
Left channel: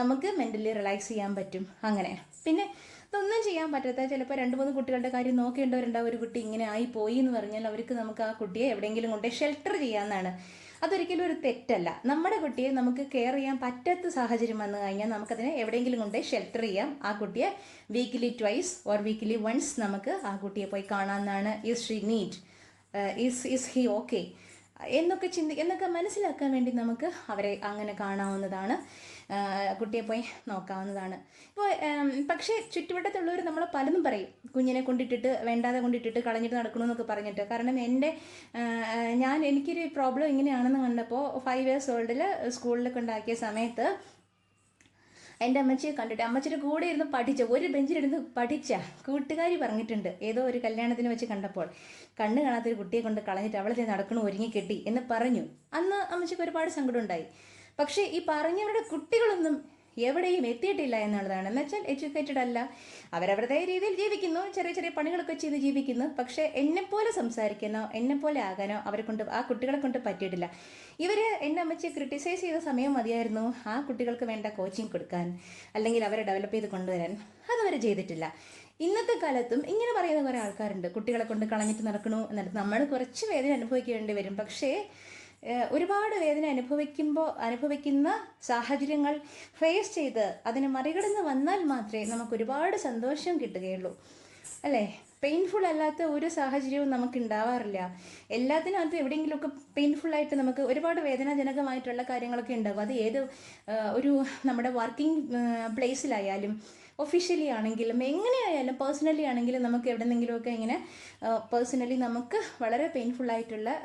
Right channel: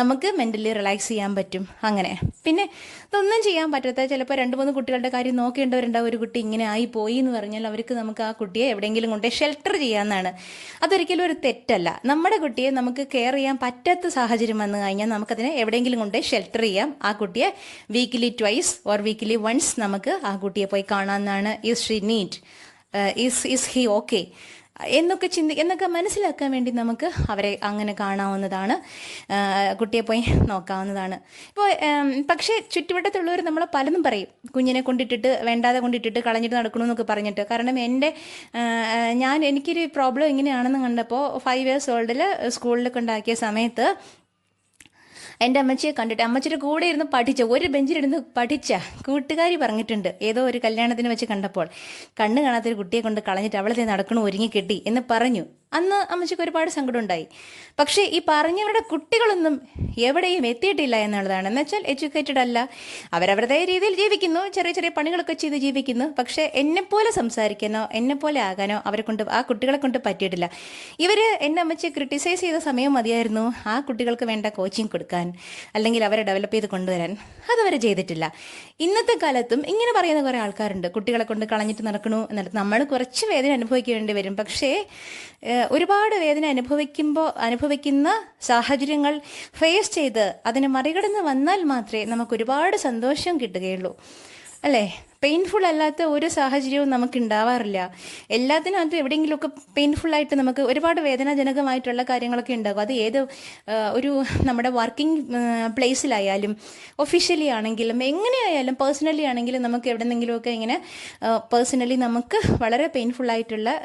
നമുക്ക് മെൻ്റലി റിലാക്സ് ചെയ്യാൻ പറ്റും. അങ്ങനെ പിന്നെ ഇതൊന്നും ചെയ്യാൻ പറ്റാത്ത ചിലപ്പോൾ 2-3 കുട്ടികളുടെ കാര്യം നോക്കേണ്ടവരുണ്ടാവും. ഒരു കുട്ടി ഇങ്ങനെ ആയി പോയി എന്ന് പറഞ്ഞാൽ അവർക്ക് നമുക്ക് ആ കുട്ടിയെ എവിടെയെങ്കിലും കൊണ്ട് ഷെൽട്ടർ ചെയ്യാമെന്നാണ്. അതൊരിക്കലും ഒരു തെറ്റല്ല. നമ്മുടെ കുട്ടിയെ നമുക്ക് കെയർ ചെയ്യാൻ പറ്റാത്ത സാഹചര്യം വന്നു കഴിഞ്ഞാൽ നമുക്കതിനെ എവിടെയെങ്കിലും കൊണ്ട് ഷെൽട്ടർ ചെയ്യാം. ആ കുട്ടിയെ വീക്കിലി 2 ഓർ വീക്കിലി 1 നമുക്ക് ആ കുട്ടിയെ പോയി കാണാമെന്നാണ്. Is she neat, is he okay എന്നൊക്കെ മനസ്സിലാക്കാൻ വേണ്ടി നമുക്ക് അവരെ അങ്ങനെ കാണാവുന്നതാണ്, കുട്ടിയെ പോയി നോക്കാവുന്നതാണ്. ഇപ്പോൾ പക്ഷേ ചുറ്റുവട്ടത്തുള്ളവർ നമ്മളെ പലതും പറയും, കുഞ്ഞിനെ വേണ്ടാതെ കൊണ്ടിട്ടിട്ട് കളഞ്ഞിട്ട് നടക്കണമെന്നൊക്കെ പറഞ്ഞിട്ട്. കാരണം എനിക്കൊരു പ്രോബ്ലം എങ്ങനെയാണെന്ന് കണ്ടപ്പോൾ 5 years ഓൾഡിൽ സ്കൂളിൽ കൊണ്ടാക്കിയ സമയത്ത് എൻ്റെ അമ്മച്ചിയെ കണ്ടിട്ട്, അമ്മച്ചിയുടെ കൂടെ ഇരുന്ന് ഒരു ബെഞ്ചിലിരുന്ന് പഠിച്ച കൂട്ടുകാരി പറഞ്ഞിട്ടുണ്ട്, ഏതോ ഒരു കല്യാണത്തിന് വെച്ച് കണ്ടപ്പോൾ, കണ്ണ് കാണാത്തൊരു കുട്ടിയെ കൊണ്ട് കളഞ്ഞിട്ട് അവളെ നടക്കണു ഒരുങ്ങി കെട്ടി എന്ന് പറഞ്ഞു. അന്ന് അമ്മച്ചിക്ക് ഒരുപാട് സങ്കടമുണ്ടായി. പക്ഷേ ഈ പറഞ്ഞവരുടെ കുട്ടികളൊന്നും എവിടെയും എത്തിയിട്ടില്ല എന്നുള്ളതാണ്. എന്ന് വെച്ചാൽ എഡ്യൂക്കേറ്റഡ് അല്ല, അവരവരുടെ രീതിയിൽ ജീവിക്കുന്നു, ചെറിയ ചെറിയ പണികളൊക്കെ ചെയ്ത് ജീവിക്കുന്നു. പക്ഷേ എന്നെപ്പോലെ സംസാരിക്കാനോ എന്നെപ്പോലെ ആകാനോ അവരെ കൊണ്ട്, ആ കുട്ടികളെ കൊണ്ട് പറ്റിയിട്ടില്ല. ഇവർ എന്നെ അമ്മച്ചി ക്രിട്ടിസൈസ് ചെയ്ത സമയം മതിയായിരുന്നു ആ കുട്ടികൾക്ക് വേണ്ട കോച്ചിങ് കൊടുക്കാൻ, അല്ലെങ്കിൽ അവരെ ഡെവലപ്പ് ചെയ്ത് കൊണ്ടുവരാൻ. അതവർ ചെയ്തിട്ടില്ല. ഇന്നത്തെ കാലത്തും ഇങ്ങനെ പറയുന്ന കുറേ ആൾക്കാരുണ്ട്, കുട്ടികളെ കൊണ്ട് കളഞ്ഞിട്ട് നടക്കണു എന്നിട്ട്. നമ്മൾ കുറച്ച് വേദന അനുഭവിക്കേണ്ടി വരും, പക്ഷേ ഒരുപാട് വേദന അനുഭവിക്കുന്ന സാഹചര്യങ്ങൾ ഫേസ് ചെയ്ത് അതിനെ മറികടന്ന് വന്നാൽ മാത്രമേ നമുക്ക് ഒരുപാട് സന്തോഷം കിട്ടുകയുള്ളൂ, അല്ലേ? പെയിൻഫുൾ അല്ലാത്ത ഒരു സാഹചര്യവും നമുക്ക് ഉണ്ടാവാറില്ല. എല്ലാത്തിനകത്തും എവിടെയെങ്കിലുമൊക്കെ പെയിൻഫുള്ളായിട്ട് നമുക്ക് ഒരുപാട് വേദനാജനകമായിട്ടുള്ള കാര്യങ്ങളൊക്കെ ഉണ്ടാകും. അത് ഏത് ഒരു നമ്മുടെ വർക്കിംഗ് പ്ലേസിലായാലും, ഒഫീഷ്യലി ആണെങ്കിലും, എങ്ങനെയായാലും, പേഴ്സണലി ആണെങ്കിലും നമുക്ക് എവിടെയെങ്കിലുമൊക്കെ ഇങ്ങനെ പേഴ്സണലി നമുക്ക് വളരെ പെയിൻഫുള്ളായിട്ടുള്ള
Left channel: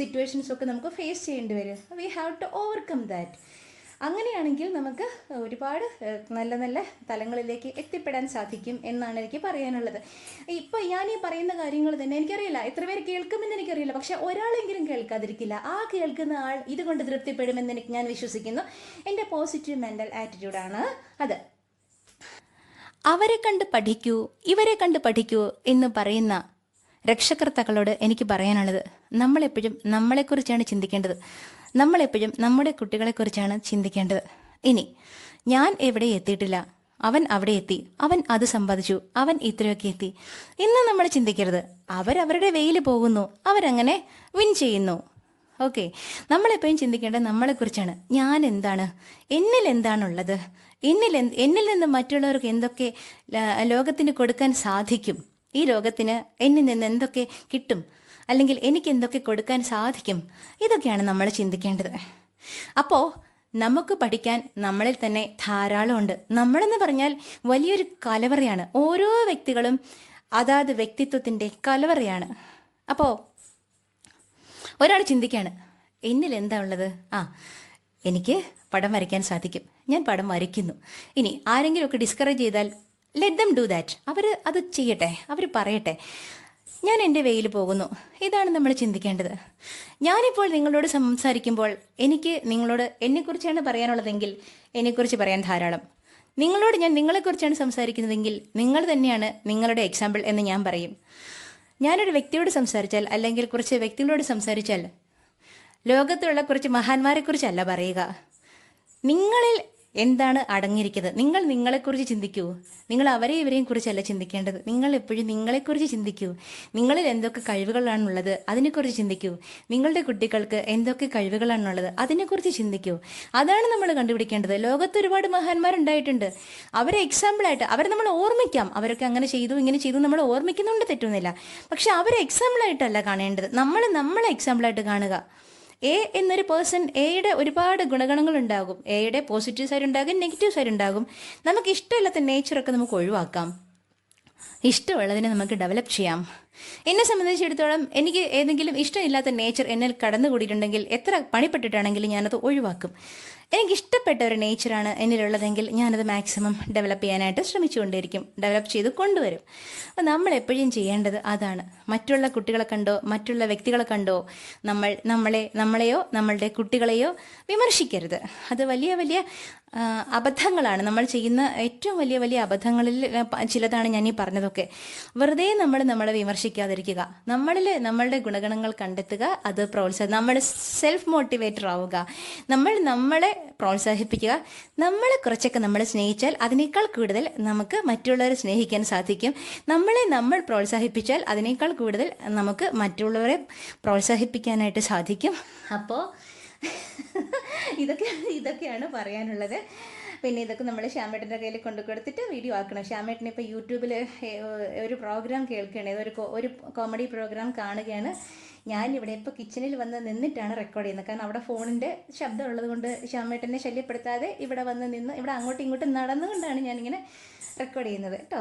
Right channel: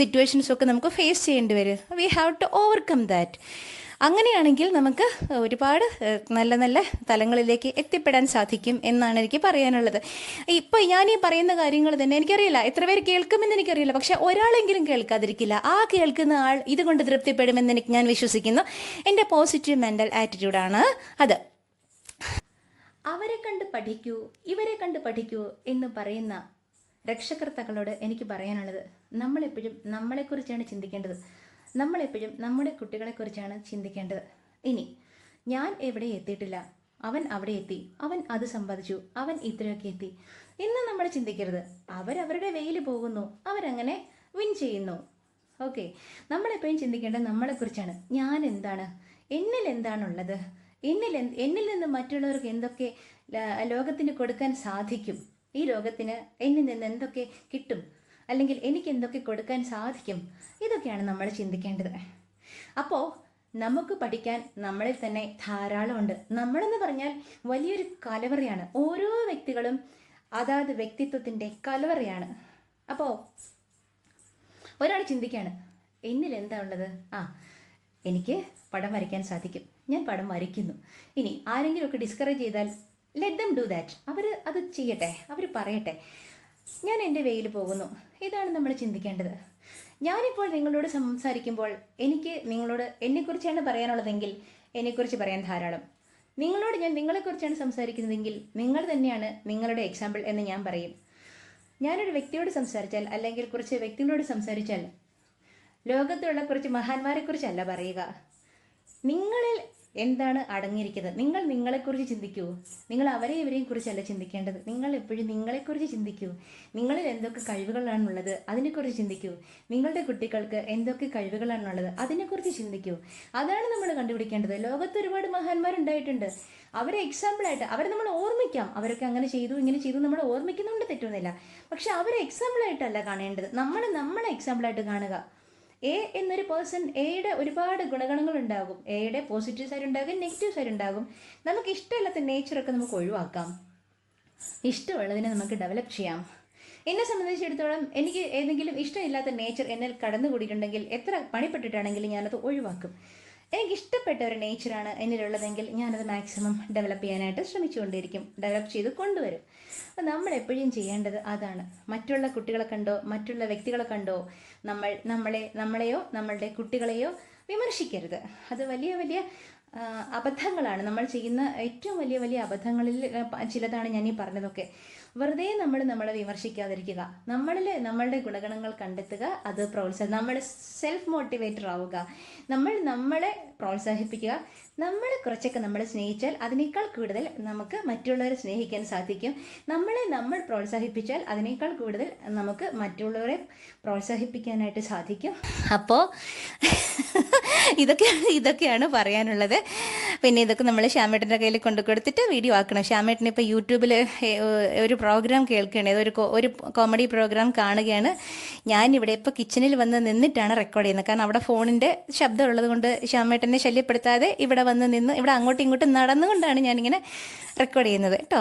സിറ്റുവേഷൻസൊക്കെ നമുക്ക് ഫേസ് ചെയ്യേണ്ടി വരും. We have to overcome that. അങ്ങനെയാണെങ്കിൽ നമുക്ക് ഒരുപാട് നല്ല നല്ല തലങ്ങളിലേക്ക് എത്തിപ്പെടാൻ സാധിക്കും എന്നാണ് എനിക്ക് പറയാനുള്ളത്. ഇപ്പോൾ ഞാൻ ഈ പറയുന്ന കാര്യങ്ങൾ തന്നെ എനിക്കറിയില്ല എത്ര പേര് കേൾക്കുമെന്ന് എനിക്കറിയില്ല, പക്ഷെ ഒരാളെങ്കിലും കേൾക്കാതിരിക്കില്ല. ആ കേൾക്കുന്ന ആൾ ഇതുകൊണ്ട് തൃപ്തിപ്പെടുമെന്ന് ഞാൻ വിശ്വസിക്കുന്നു. എൻ്റെ പോസിറ്റീവ് മെൻ്റൽ ആറ്റിറ്റ്യൂഡാണ് അത്. അവരെ കണ്ട് പഠിക്കൂ, ഇവരെ കണ്ട് പഠിക്കൂ എന്ന് പറയുന്ന രക്ഷകർത്താക്കളോട് എനിക്ക് പറയാനുള്ളത്, നമ്മളെപ്പോഴും നമ്മളെക്കുറിച്ചാണ് ചിന്തിക്കേണ്ടത്. നമ്മളെപ്പോഴും നമ്മുടെ കുട്ടികളെക്കുറിച്ചാണ് ചിന്തിക്കേണ്ടത്. ഇനി ഞാൻ എവിടെ എത്തിയിട്ടില്ല, അവൻ അവിടെ എത്തി, അവൻ അത് സമ്പാദിച്ചു, അവൻ ഇത്രയൊക്കെ എത്തി ഇന്ന് നമ്മൾ ചിന്തിക്കരുത്. അവരവരുടെ വെയിൽ പോകുന്നു, അവരങ്ങനെ വിൻ ചെയ്യുന്നു. ഓക്കെ, നമ്മളെപ്പോഴും ചിന്തിക്കേണ്ടത് നമ്മളെക്കുറിച്ചാണ്. ഞാൻ എന്താണ്, എന്നിൽ എന്താണുള്ളത്, എന്നിൽ നിന്ന് മറ്റുള്ളവർക്ക് എന്തൊക്കെ ലോകത്തിന് കൊടുക്കാൻ സാധിക്കും, ഈ ലോകത്തിന് എന്നിൽ നിന്ന് എന്തൊക്കെ കിട്ടും, അല്ലെങ്കിൽ എനിക്ക് എന്തൊക്കെ കൊടുക്കാൻ സാധിക്കും, ഇതൊക്കെയാണ് നമ്മൾ ചിന്തിക്കേണ്ടത്. അപ്പോൾ നമുക്ക് പഠിക്കാൻ നമ്മളിൽ തന്നെ ധാരാളമുണ്ട്. നമ്മളെന്ന് പറഞ്ഞാൽ വലിയൊരു കലവറയാണ്. ഓരോ വ്യക്തികളും അതാത് വ്യക്തിത്വത്തിൻ്റെ കലവറയാണ്. അപ്പോൾ ഒരാൾ ചിന്തിക്കുകയാണ്, എന്നിൽ എന്താ ഉള്ളത്? എനിക്ക് പടം വരയ്ക്കാൻ സാധിക്കും, ഞാൻ പടം വരയ്ക്കുന്നു. ഇനി ആരെങ്കിലുമൊക്കെ ഡിസ്കറേജ് ചെയ്താൽ ലെറ്റ് ദം ഡു ദാറ്റ്. അവർ അത് ചെയ്യട്ടെ, അവർ പറയട്ടെ, ഞാൻ എൻ്റെ വെയിൽ പോകുന്നു. ഇതാണ് നമ്മൾ ചിന്തിക്കേണ്ടത്. ഞാനിപ്പോൾ നിങ്ങളോട് സംസാരിക്കുമ്പോൾ എനിക്ക് നിങ്ങളോട് എന്നെക്കുറിച്ചാണ് പറയാനുള്ളതെങ്കിൽ എന്നെക്കുറിച്ച് പറയാൻ ധാരാളം. നിങ്ങളോട് ഞാൻ നിങ്ങളെക്കുറിച്ചാണ് സംസാരിക്കുന്നതെങ്കിൽ നിങ്ങൾ തന്നെയാണ് നിങ്ങളുടെ എക്സാമ്പിൾ എന്ന് ഞാൻ പറയും. ഞാനൊരു വ്യക്തിയോട് സംസാരിച്ചാൽ, അല്ലെങ്കിൽ കുറച്ച് വ്യക്തികളോട് സംസാരിച്ചാൽ, ലോകത്തുള്ള കുറച്ച് മഹാന്മാരെക്കുറിച്ചല്ല പറയുക. നിങ്ങളിൽ എന്താണ് അടങ്ങിയിരിക്കുന്നത്? നിങ്ങൾ നിങ്ങളെക്കുറിച്ച് ചിന്തിക്കൂ. നിങ്ങൾ അവരെയും ഇവരെയും കുറിച്ചല്ല ചിന്തിക്കേണ്ടത്. നിങ്ങൾ എപ്പോഴും നിങ്ങളെക്കുറിച്ച് ചിന്തിക്കൂ. നിങ്ങളിൽ എന്തൊക്കെ കഴിവുകളാണുള്ളത് അതിനെക്കുറിച്ച് ചിന്തിക്കൂ. നിങ്ങളുടെ കുട്ടികൾക്ക് എന്തൊക്കെ കഴിവുകളാണുള്ളത് അതിനെക്കുറിച്ച് ചിന്തിക്കൂ. അതാണ് നമ്മൾ കണ്ടുപിടിക്കേണ്ടത്. ലോകത്ത് ഒരുപാട് മഹാന്മാരുണ്ടായിട്ടുണ്ട്. അവരെ എക്സാമ്പിളായിട്ട് അവരെ നമ്മൾ ഓർമ്മിക്കാം. അവരൊക്കെ അങ്ങനെ ചെയ്തു, ഇങ്ങനെ ചെയ്തു, നമ്മൾ ഓർമ്മിക്കുന്നുണ്ട്, തെറ്റൊന്നുമില്ല. പക്ഷെ അവരെ എക്സാമ്പിളായിട്ടല്ല കാണേണ്ടത്. നമ്മളെ എക്സാമ്പിളായിട്ട് കാണുക. എ എന്നൊരു പേഴ്സൺ, എയുടെ ഒരുപാട് ഗുണഗണങ്ങളുണ്ടാകും. എയുടെ പോസിറ്റീവ് സൈഡ് ഉണ്ടാകും, നെഗറ്റീവ് സൈഡ് ഉണ്ടാകും. നമുക്ക് ഇഷ്ടമില്ലാത്ത നേച്ചറൊക്കെ നമുക്ക് ഒഴിവാക്കാം, ഇഷ്ടമുള്ളതിനെ നമുക്ക് ഡെവലപ്പ് ചെയ്യാം. എന്നെ സംബന്ധിച്ചിടത്തോളം എനിക്ക് ഏതെങ്കിലും ഇഷ്ടമില്ലാത്ത നേച്ചർ എന്നിൽ കടന്നുകൂടിയിട്ടുണ്ടെങ്കിൽ എത്ര പണിപ്പെട്ടിട്ടാണെങ്കിലും ഞാനത് ഒഴിവാക്കും. എനിക്കിഷ്ടപ്പെട്ട ഒരു നേച്ചറാണ് എന്നിലുള്ളതെങ്കിൽ ഞാനത് മാക്സിമം ഡെവലപ്പ് ചെയ്യാനായിട്ട് ശ്രമിച്ചുകൊണ്ടിരിക്കും, ഡെവലപ്പ് ചെയ്ത് കൊണ്ടുവരും. അപ്പോൾ നമ്മളെപ്പോഴും ചെയ്യേണ്ടത് അതാണ്. മറ്റുള്ള കുട്ടികളെ കണ്ടോ മറ്റുള്ള വ്യക്തികളെ കണ്ടോ നമ്മളെയോ നമ്മളുടെ കുട്ടികളെയോ വിമർശിക്കരുത്. അത് വലിയ വലിയ അബദ്ധങ്ങളാണ്. നമ്മൾ ചെയ്യുന്ന ഏറ്റവും വലിയ വലിയ അബദ്ധങ്ങളിൽ ചിലതാണ് ഞാൻ ഈ പറഞ്ഞതൊക്കെ. വെറുതെ നമ്മളെ വിമർശിക്കാതിരിക്കുക. നമ്മളുടെ ഗുണഗണങ്ങൾ കണ്ടെത്തുക, അത് നമ്മൾ സെൽഫ് മോട്ടിവേറ്റർ ആവുക. നമ്മളെ പ്രോത്സാഹിപ്പിക്കുക. നമ്മളെ കുറച്ചൊക്കെ നമ്മൾ സ്നേഹിച്ചാൽ അതിനേക്കാൾ കൂടുതൽ നമുക്ക് മറ്റുള്ളവരെ സ്നേഹിക്കാൻ സാധിക്കും. നമ്മൾ പ്രോത്സാഹിപ്പിച്ചാൽ അതിനേക്കാൾ കൂടുതൽ നമുക്ക് മറ്റുള്ളവരെ പ്രോത്സാഹിപ്പിക്കാനായിട്ട് സാധിക്കും. അപ്പോൾ ഇതൊക്കെയാണ് പറയാനുള്ളത്. പിന്നെ ഇതൊക്കെ നമ്മൾ ശ്യാമേട്ടൻ്റെ കയ്യിൽ കൊടുത്തിട്ട് വീഡിയോ ആക്കണം. ശ്യാമേട്ടൻ ഇപ്പോൾ യൂട്യൂബിൽ ഒരു പ്രോഗ്രാം കേൾക്കുകയാണ്, ഒരു കോമഡി പ്രോഗ്രാം കാണുകയാണ്. ഞാനിവിടെ ഇപ്പോൾ കിച്ചണിൽ വന്ന് നിന്നിട്ടാണ് റെക്കോർഡ് ചെയ്യുന്നത്. കാരണം അവിടെ ഫോണിൻ്റെ ശബ്ദം ഉള്ളത് കൊണ്ട് ശ്യാമേട്ടനെ ശല്യപ്പെടുത്താതെ ഇവിടെ വന്ന് നിന്ന് ഇവിടെ അങ്ങോട്ടും ഇങ്ങോട്ടും നടന്നുകൊണ്ടാണ് ഞാനിങ്ങനെ റെക്കോർഡ് ചെയ്യുന്നത് കേട്ടോ.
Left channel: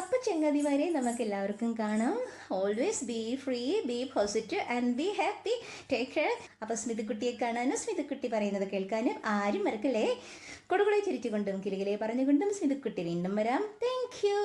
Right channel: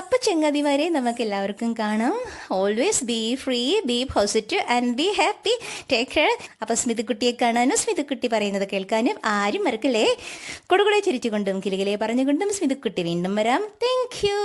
അപ്പോൾ ചങ്ങാതിമാരെ, നമുക്ക് എല്ലാവർക്കും കാണാം. Always be free, B positive and be happy. Take care. അപ്പോൾ സ്മിതക്കുട്ടിയെ കാണാനും സ്മിതക്കുട്ടി പറയുന്നത് കേൾക്കാനും ആരും മറക്കല്ലേ. കൊടുകുടെ ചിരിച്ചുകൊണ്ടും കിലുകിലെ പറഞ്ഞുകൊണ്ടും സ്മിതക്കുട്ടി വീണ്ടും വരാം. Thank you.